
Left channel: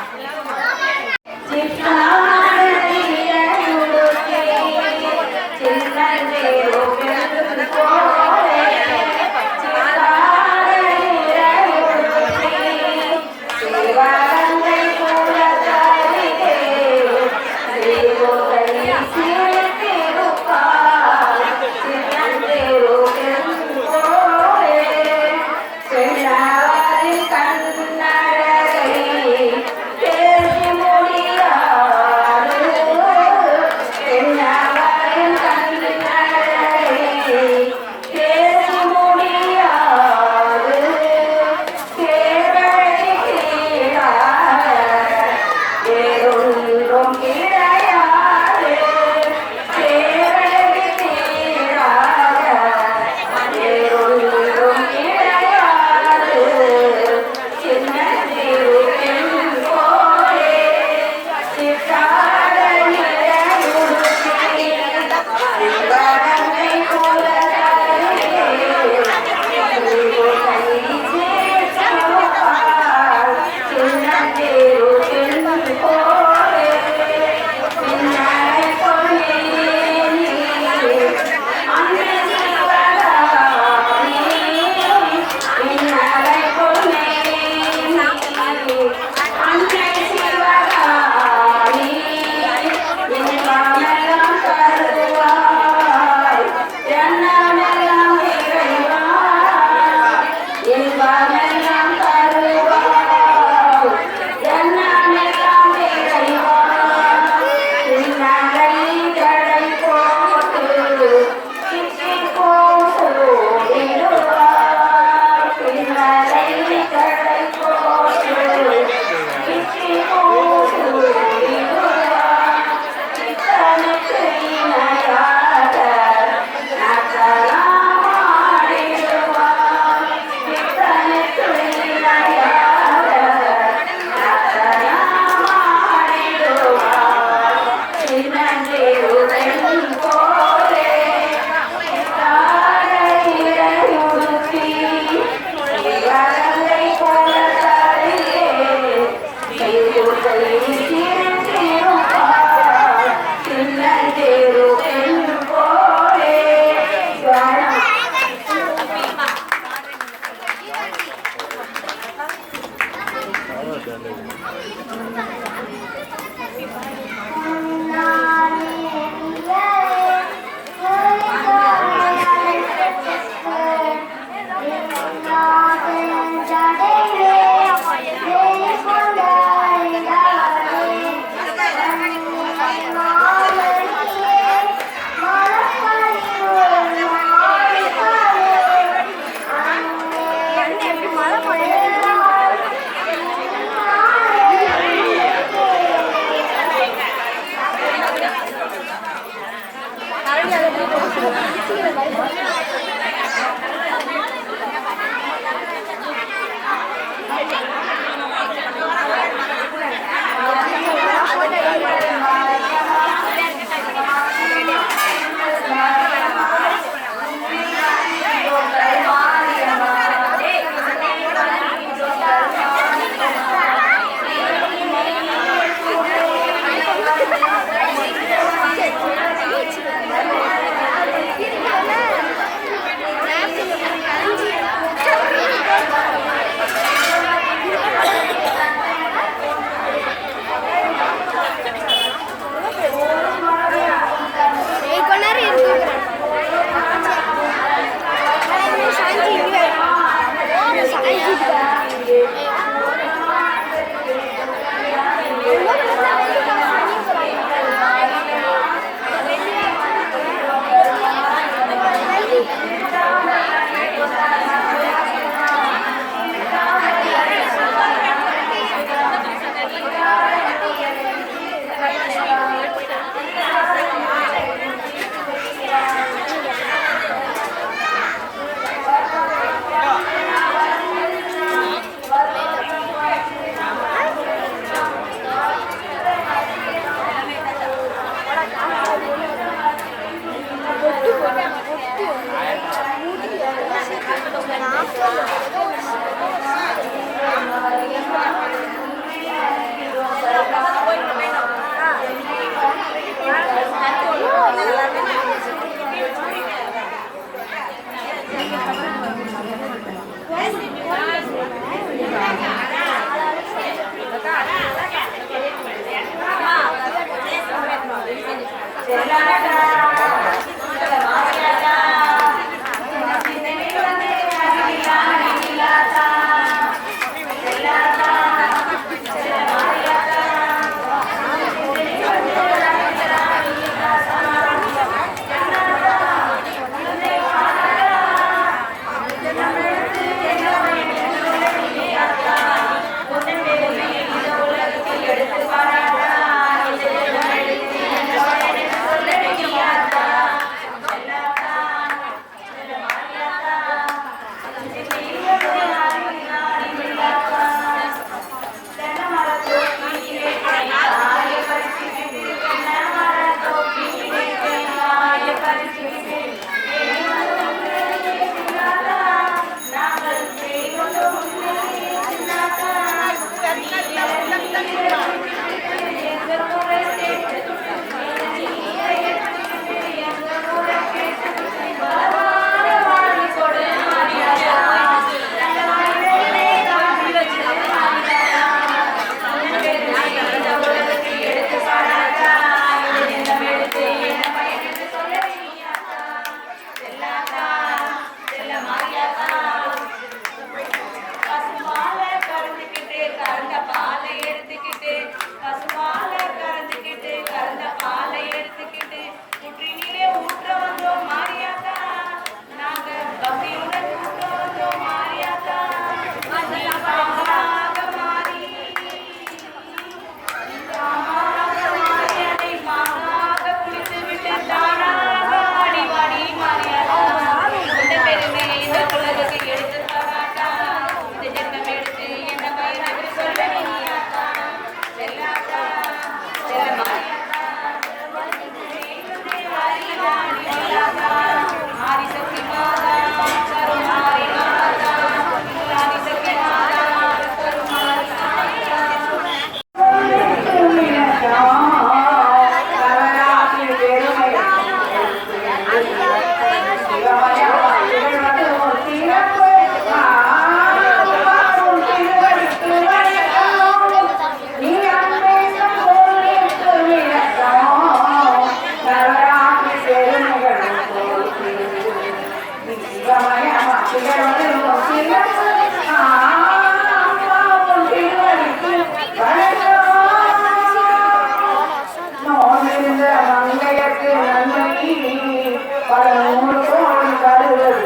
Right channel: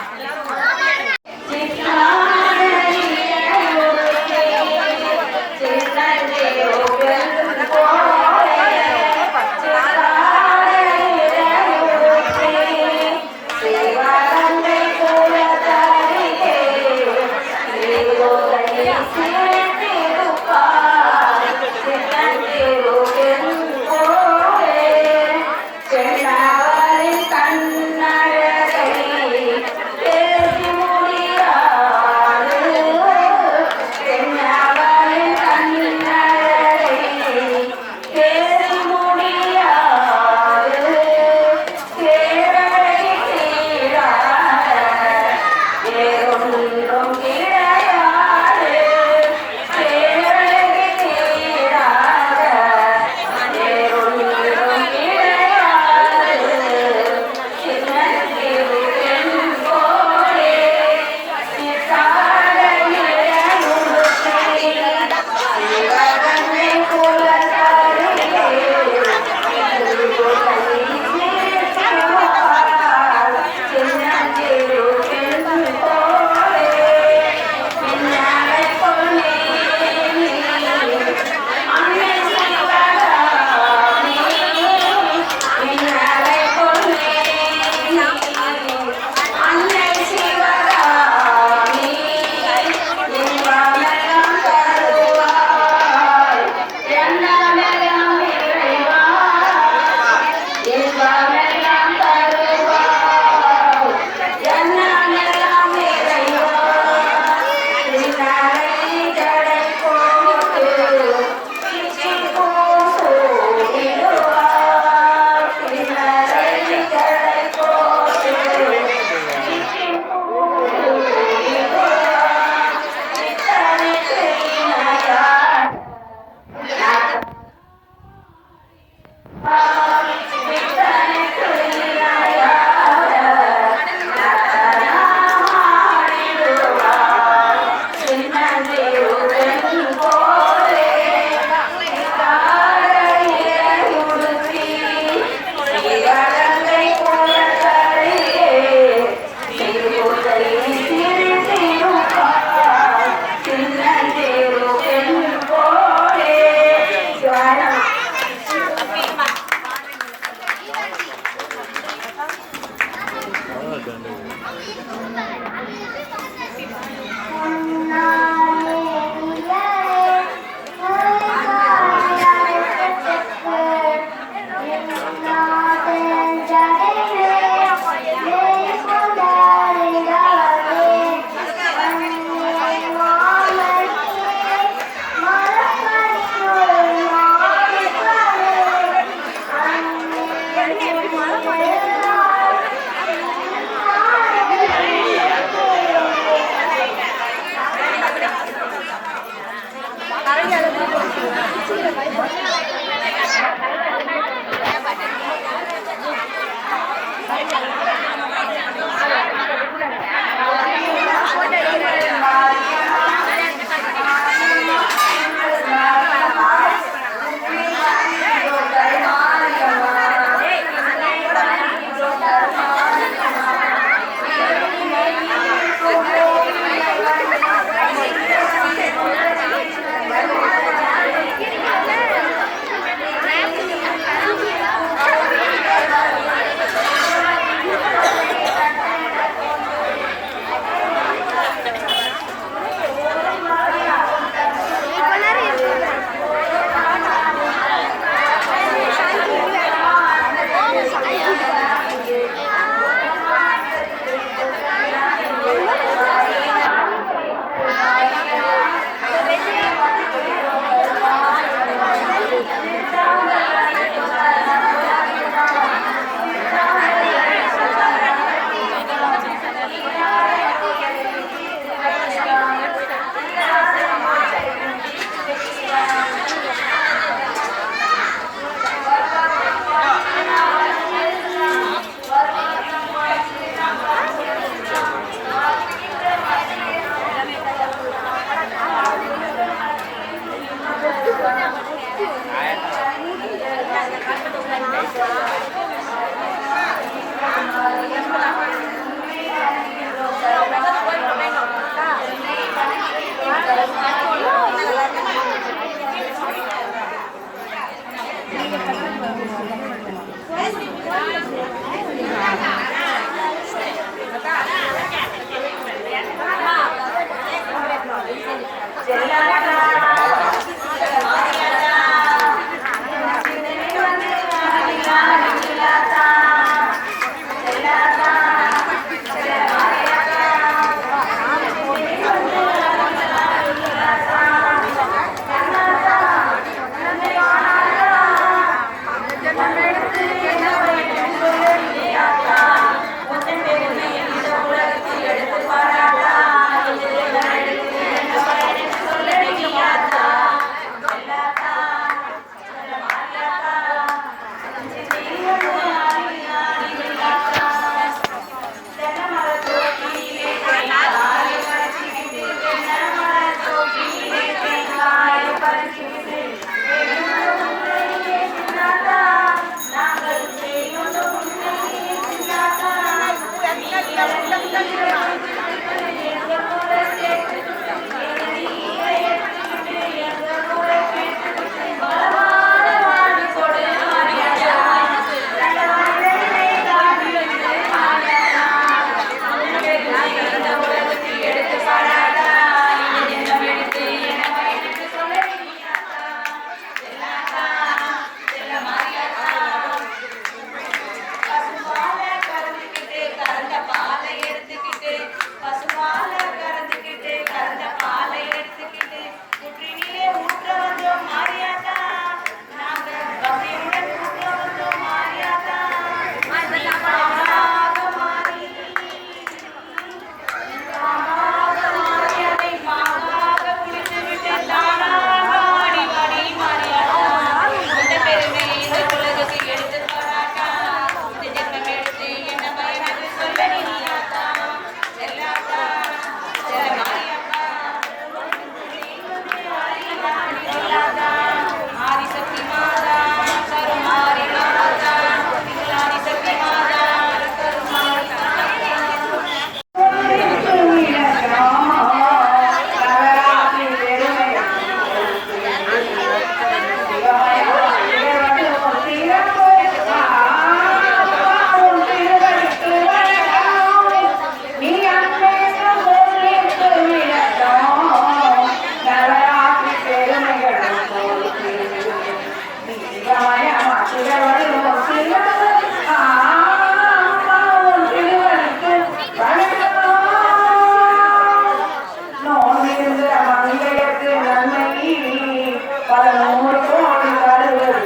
பல 100 கோடி கருவல்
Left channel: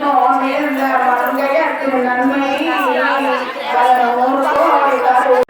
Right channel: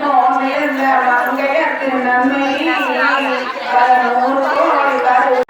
நோனில் மங்கையற்கு நன்மை பல 100 கோடி கருவல்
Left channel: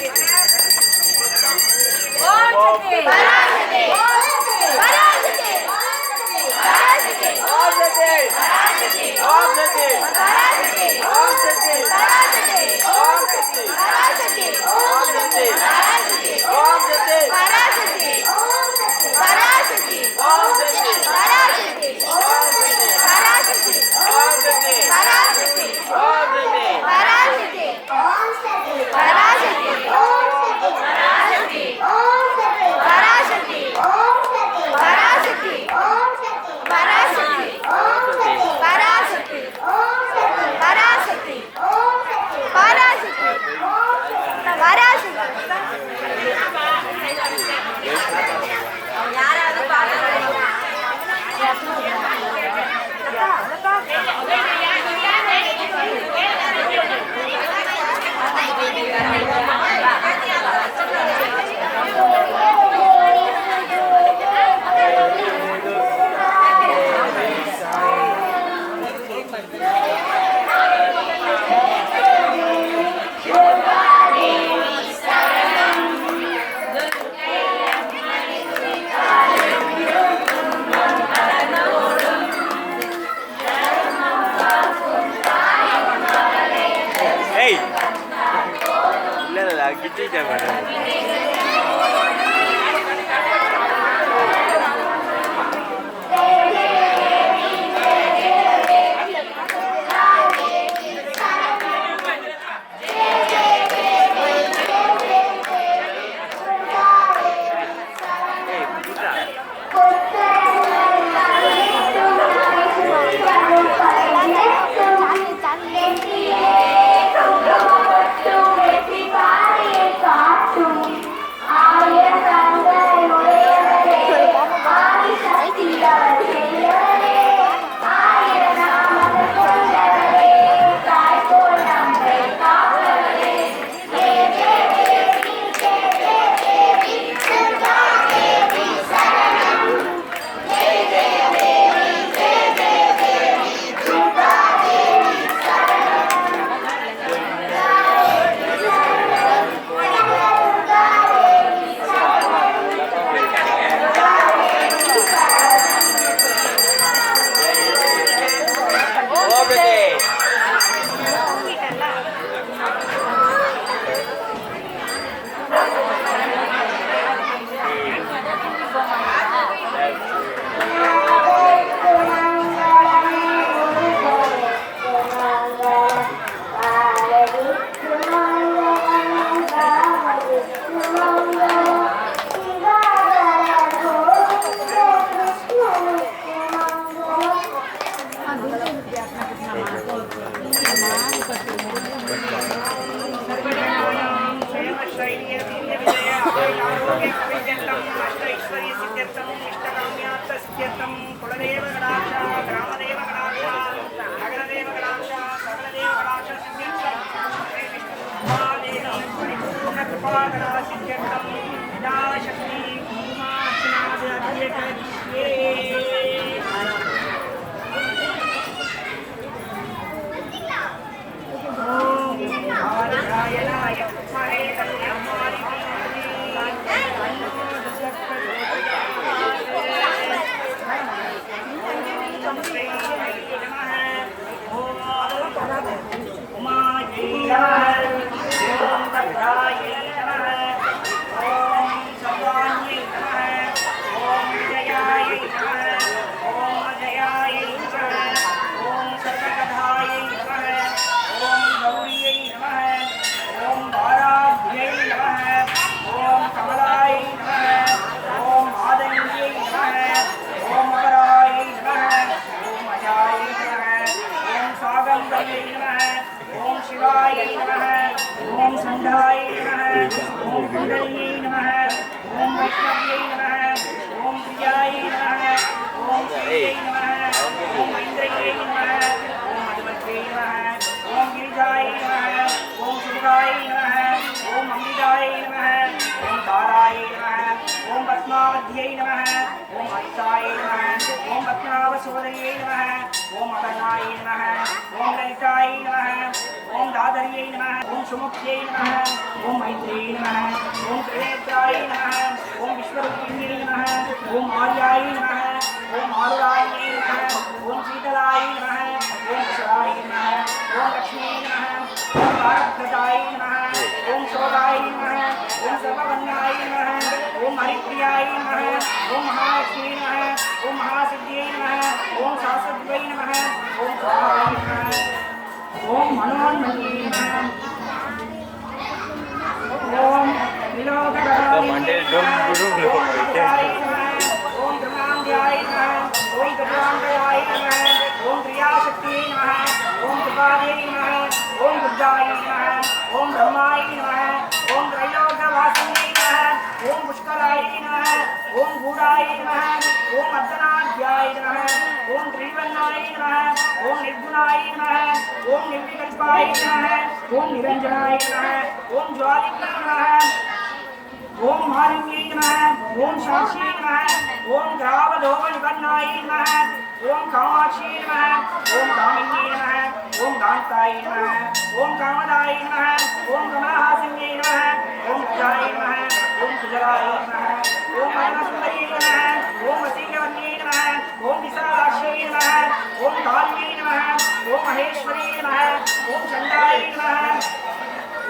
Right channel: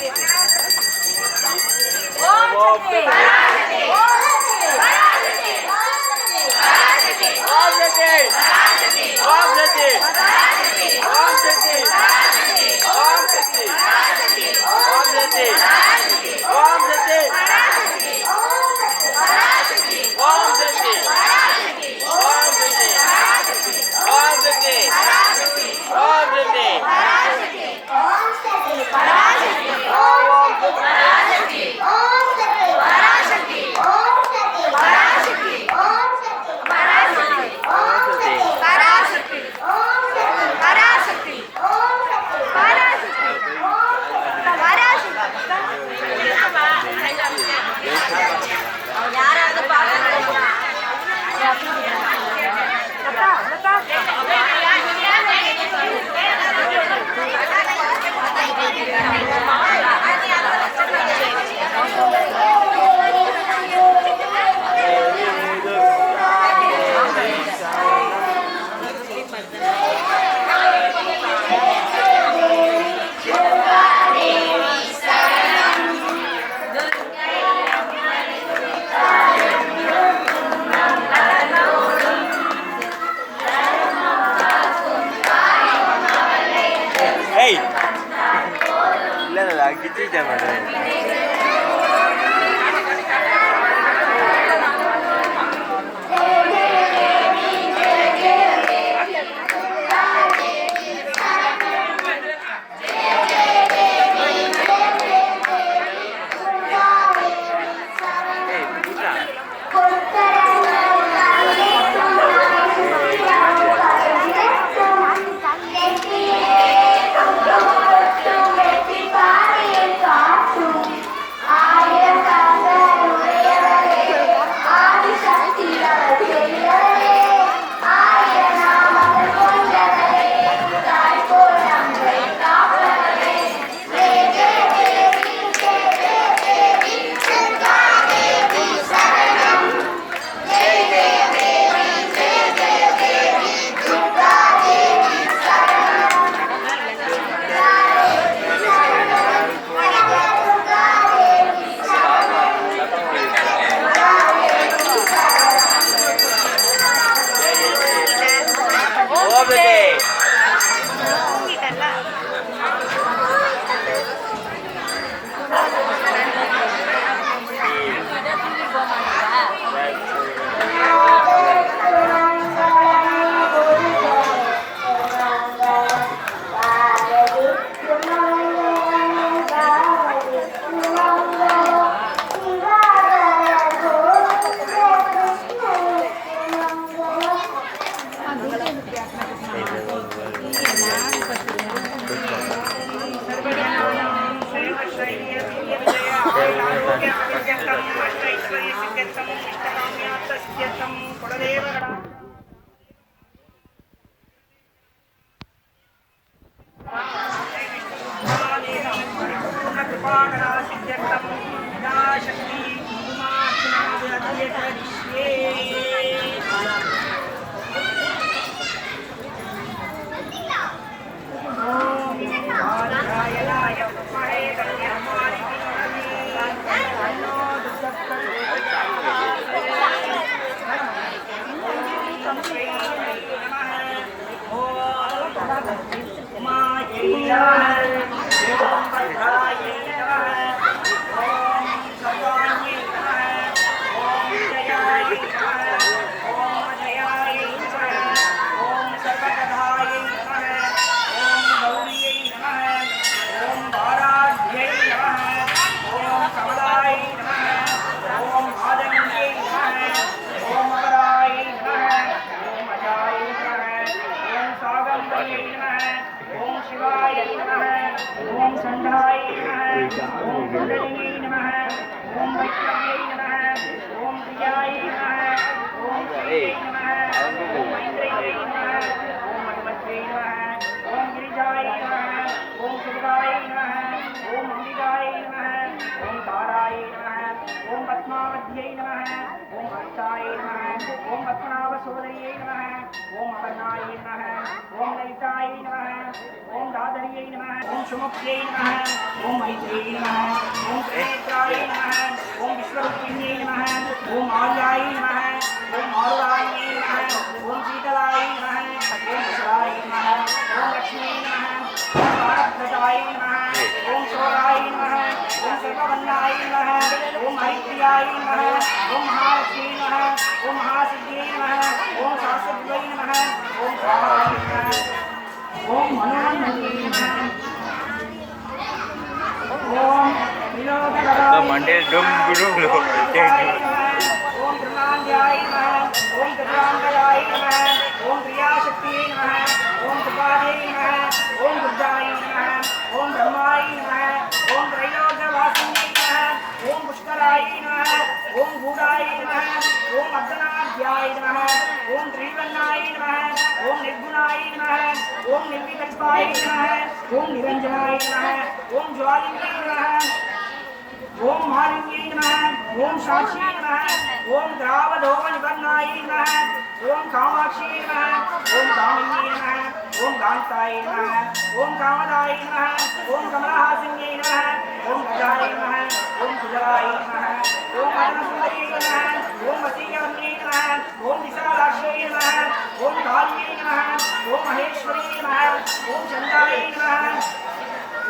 Gracias.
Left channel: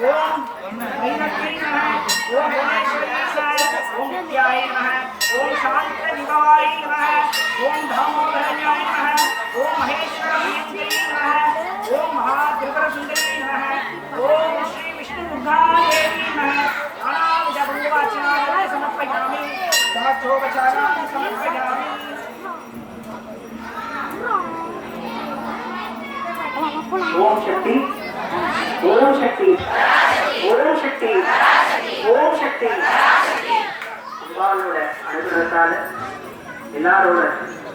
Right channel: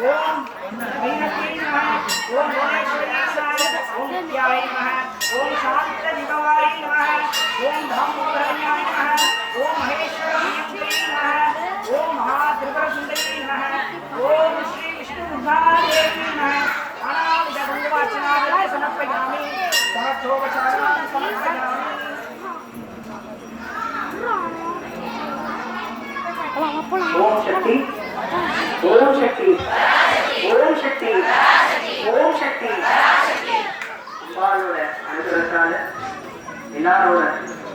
ஓம் ஐனக்ரீ நமः ஓம் புவனேஸ்வரி நமः ஓம் வித்யாயை நமः ஓம் சாந்த திவாயை நமः ஓம் தாமோதரண்யாய நமः ஓம் மகேஸ்வர பிரியங்கரி நமः ஓம் மகாத்ரிபுர சுந்தரி நமः ஓம் ஸ்ரீ விஷ்ணு துர்காதேவி நமः நானாவித பங்கவாச்சனாய சமர்ப்பயாமி சமஸ்தோபசாரான் சமர்ப்பயாமி ஓம் சக்தி ஓம் சக்தி ஓம் சக்தி ஓம் சக்தி அம்பாளோட அனுகிரகத்தால எல்லாரோட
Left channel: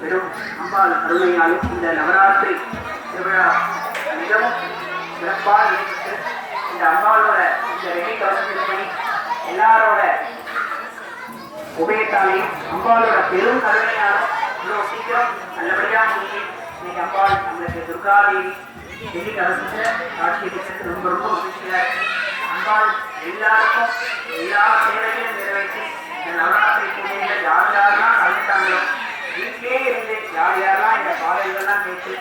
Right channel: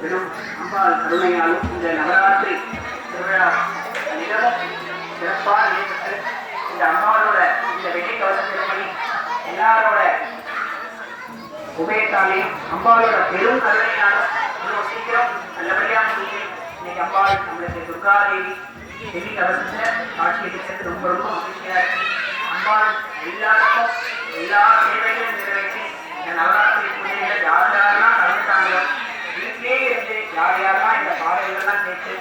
பெரும் அம்பாள் கருணையாலும் இந்த நவராத்திரி திருவிழா மிகவும் சிறப்பாக ஏற்பட்டு இந்த அம்பாளோட இந்த வெள்ளி கவசத்தின்படி எல்லாரோட உபயத்தாலையும் அம்பாளோட பெரும் கருணையாலும் இவ்வளவு சீக்கிரம் நல்லபடியாக முடியும். இன்னைக்கு அம்பாள் நம்மளுக்கு துர்காதேவி வெள்ளி கவசத்தை காட்சி அளிக்கிறது ரொம்ப ரொம்ப மகிழ்ச்சியா இருக்கு. அம்பாள் எல்லாருக்கும் எல்லா சேவைகளையும் நிறைவேற்றி இந்த நவராத்திரி பூஜைகள் யார் யாரெல்லாம் கலந்துட்டாங்களோ வீட்டிலே இருந்து யார் யாரெல்லாம் இந்த பாடல்கள்லாம் கேட்டு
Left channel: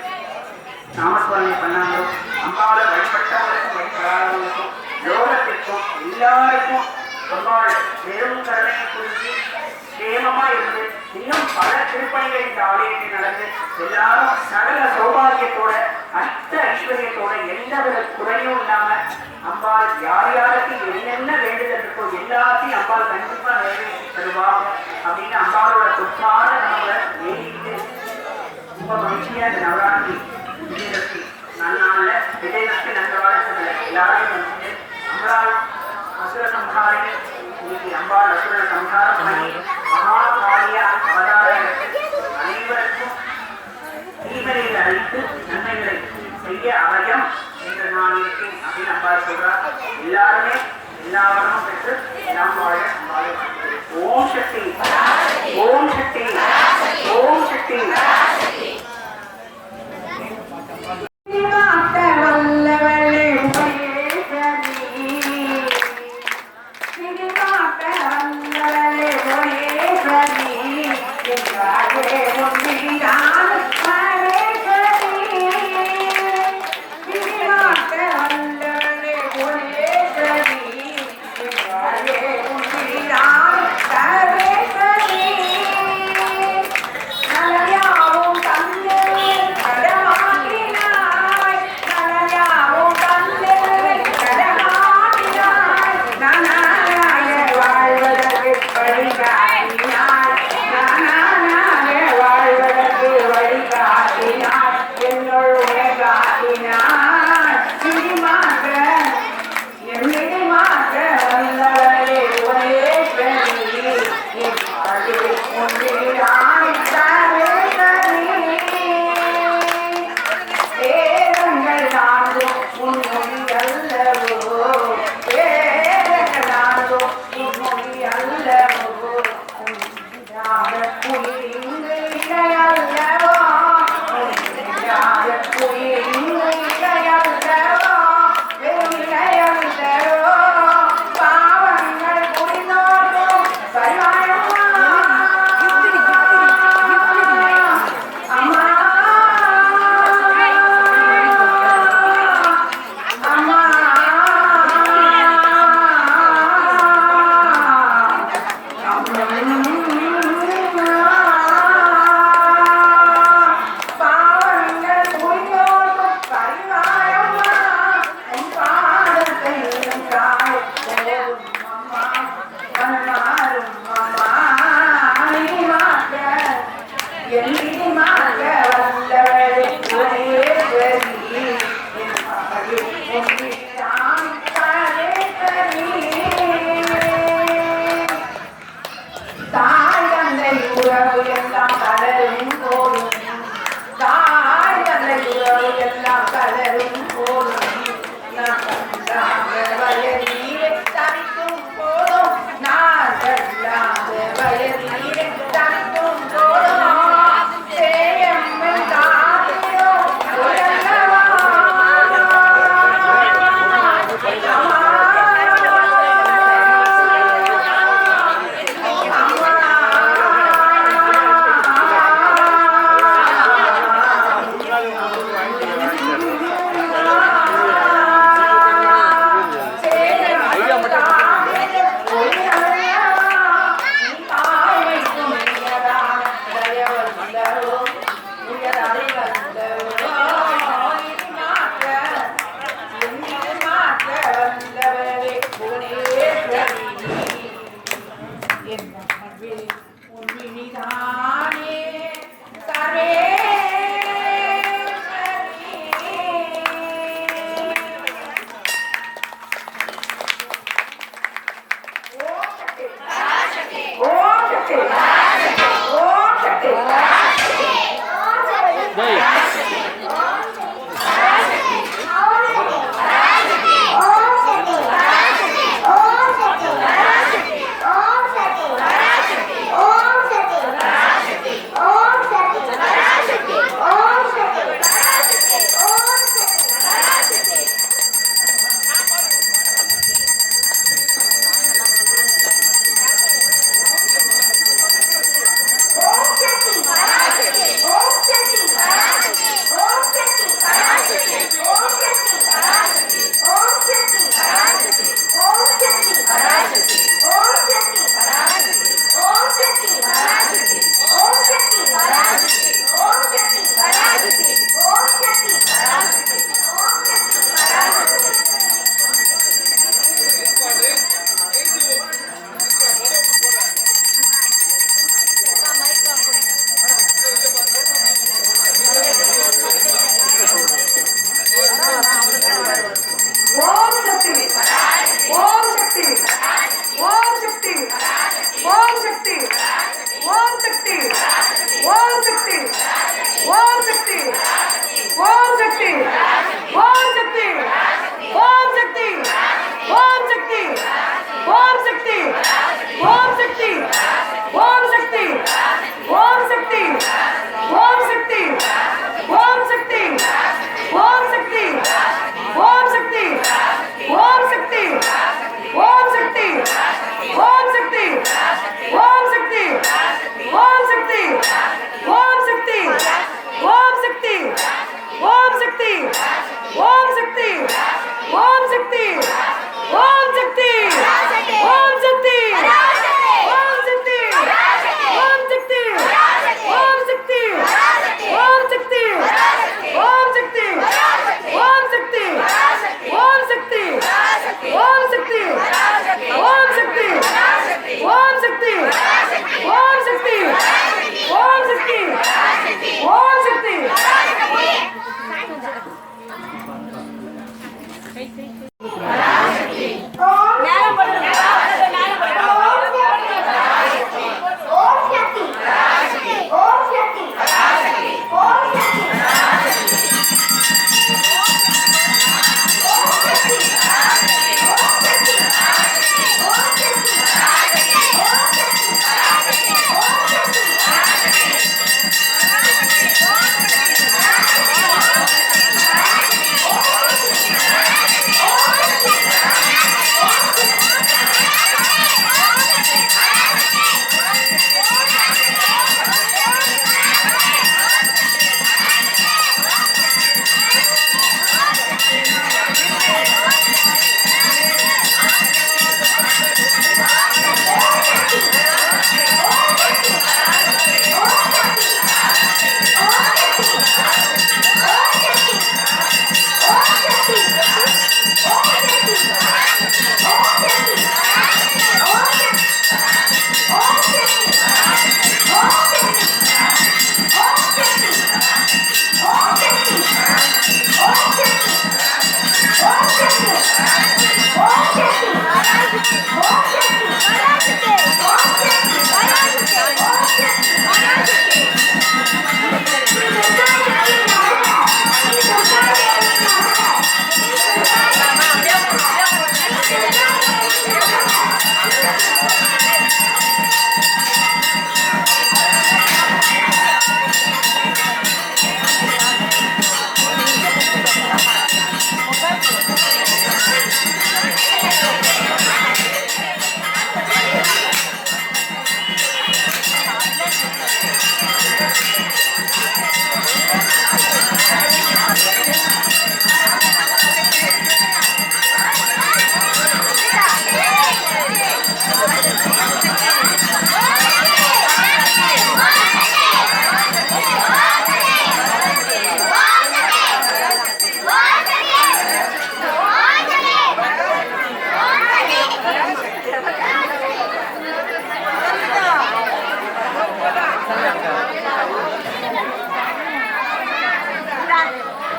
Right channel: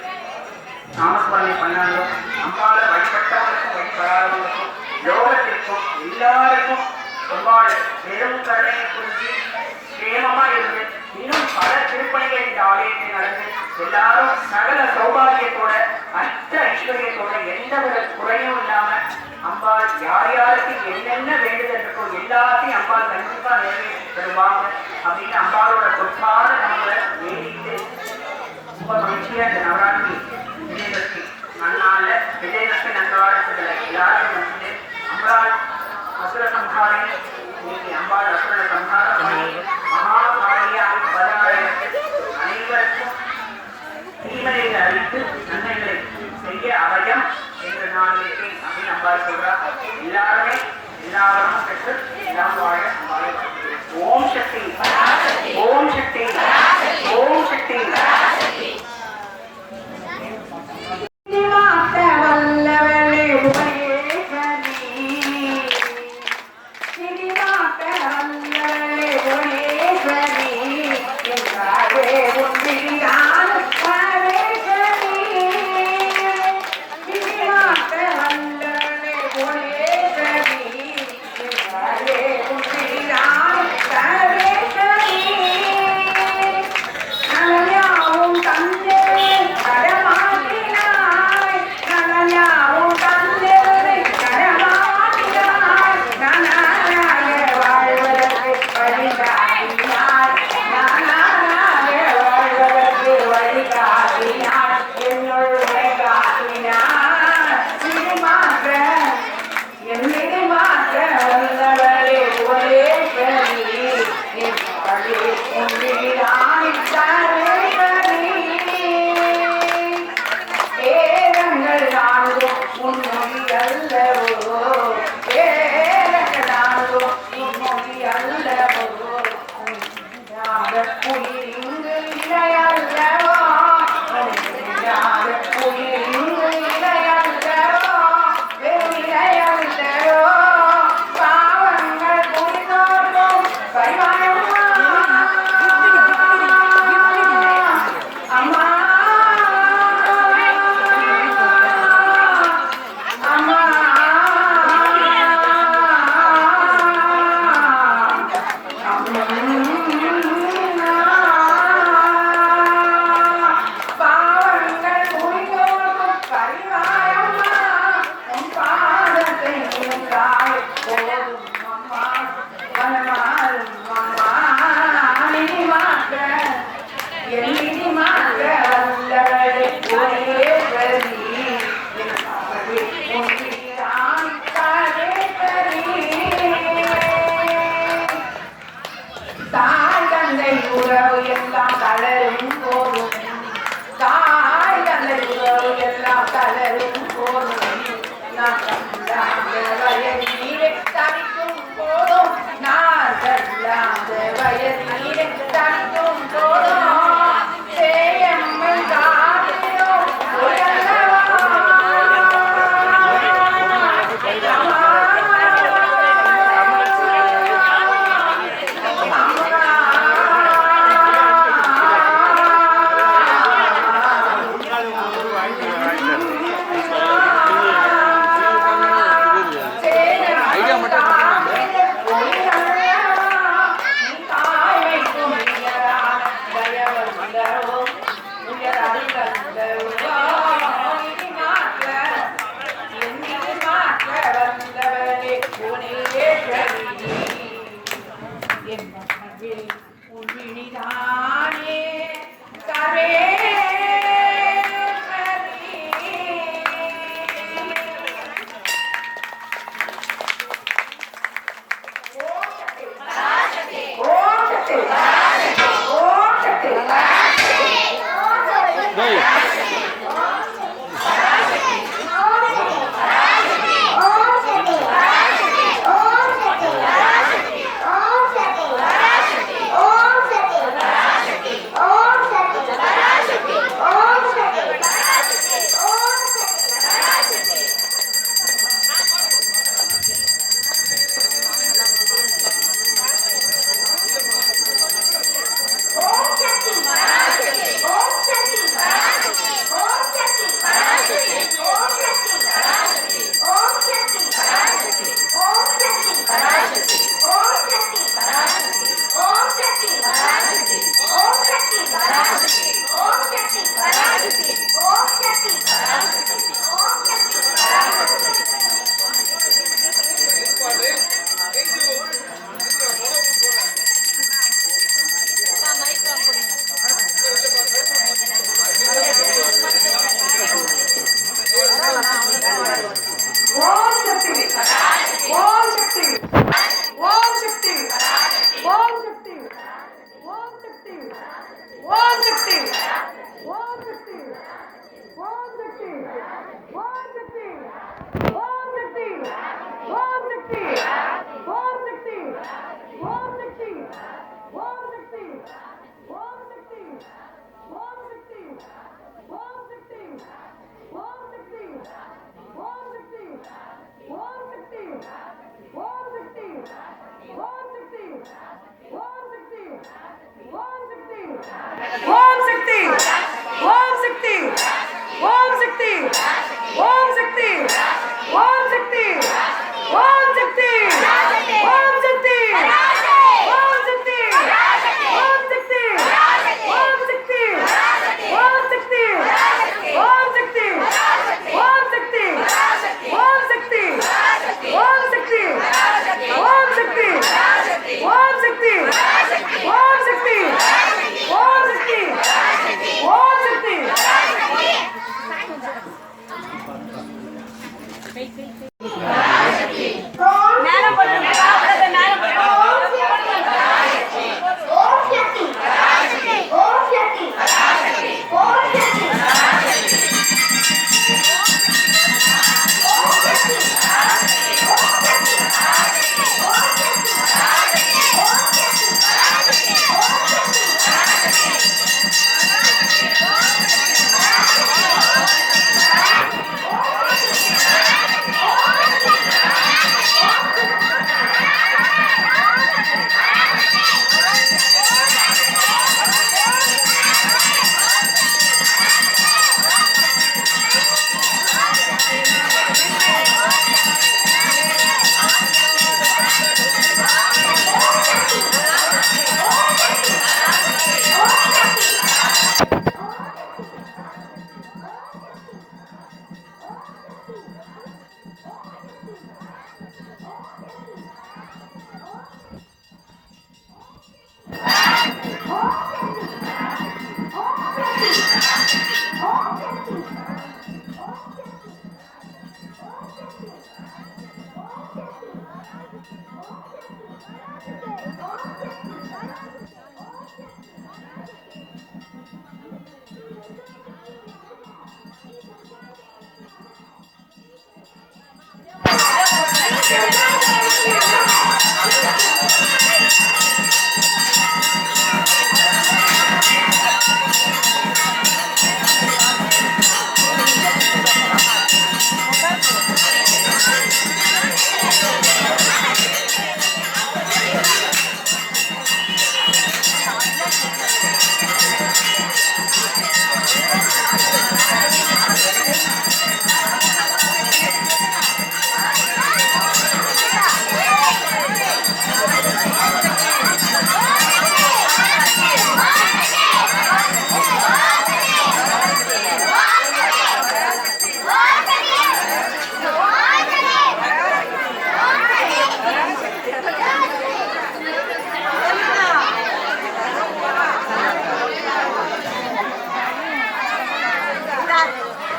நாமஸ்மரணை பண்ணாங்களோ அம்பாளை வழிபட்டவங்களுக்கும் வழிபடாதவங்களுக்கும் லோகத்திற்கும் எல்லாருக்கும் அம்பாள் பெரும் கருணையை புரிஞ்சு சேமமா இருந்து இன்னும் பல திருப்பணிகள் இந்த ஆலயத்தில் நடந்து எல்லாரும் சகல சௌபாகியத்தோட அஷ்ட ஐஸ்வர்யத்தோட எந்த ஒரு குறையும் இல்லாம அம்பாள் யார் யாருக்கு என்னென்ன வேண்டுதல் இருக்கோ எல்லாத்தையும் அம்பாள் கண்டிப்பா நிறைவேற்றி தருவாங்க அப்படின்னு அம்பாளோட சொற்பான நம்மளை வேண்டிட்டு ரொம்ப மகிழ்ச்சியா இந்த நவராத்திரி விஜயதசமி நன்னாள்ல விஜயதசமி நல்வாழ்த்துக்களை எல்லாரும் வந்துட்டு அம்பாள் அசுர சம்ஹாரிணி இன்னைக்கு அம்பாள் அசுர சம்ஹாரம் பண்ணி மகாகாரிய அவதார அனைவருக்கும் தீமையை அழித்து நன்மைகளை செய்ய அவயம் என்று நான் இருக்கேன் அப்படின்னு அம்பாள் சொல்றார். எல்லாருமே எல்லா வரமும் பெற்று எல்லாம் வாழ அம்பாளை வாழ்த்துகிறேன். ஓம் சக்தி ஓம் சக்தி ஓம் சக்தி வல்லவளே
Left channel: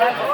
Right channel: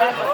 பார்த்து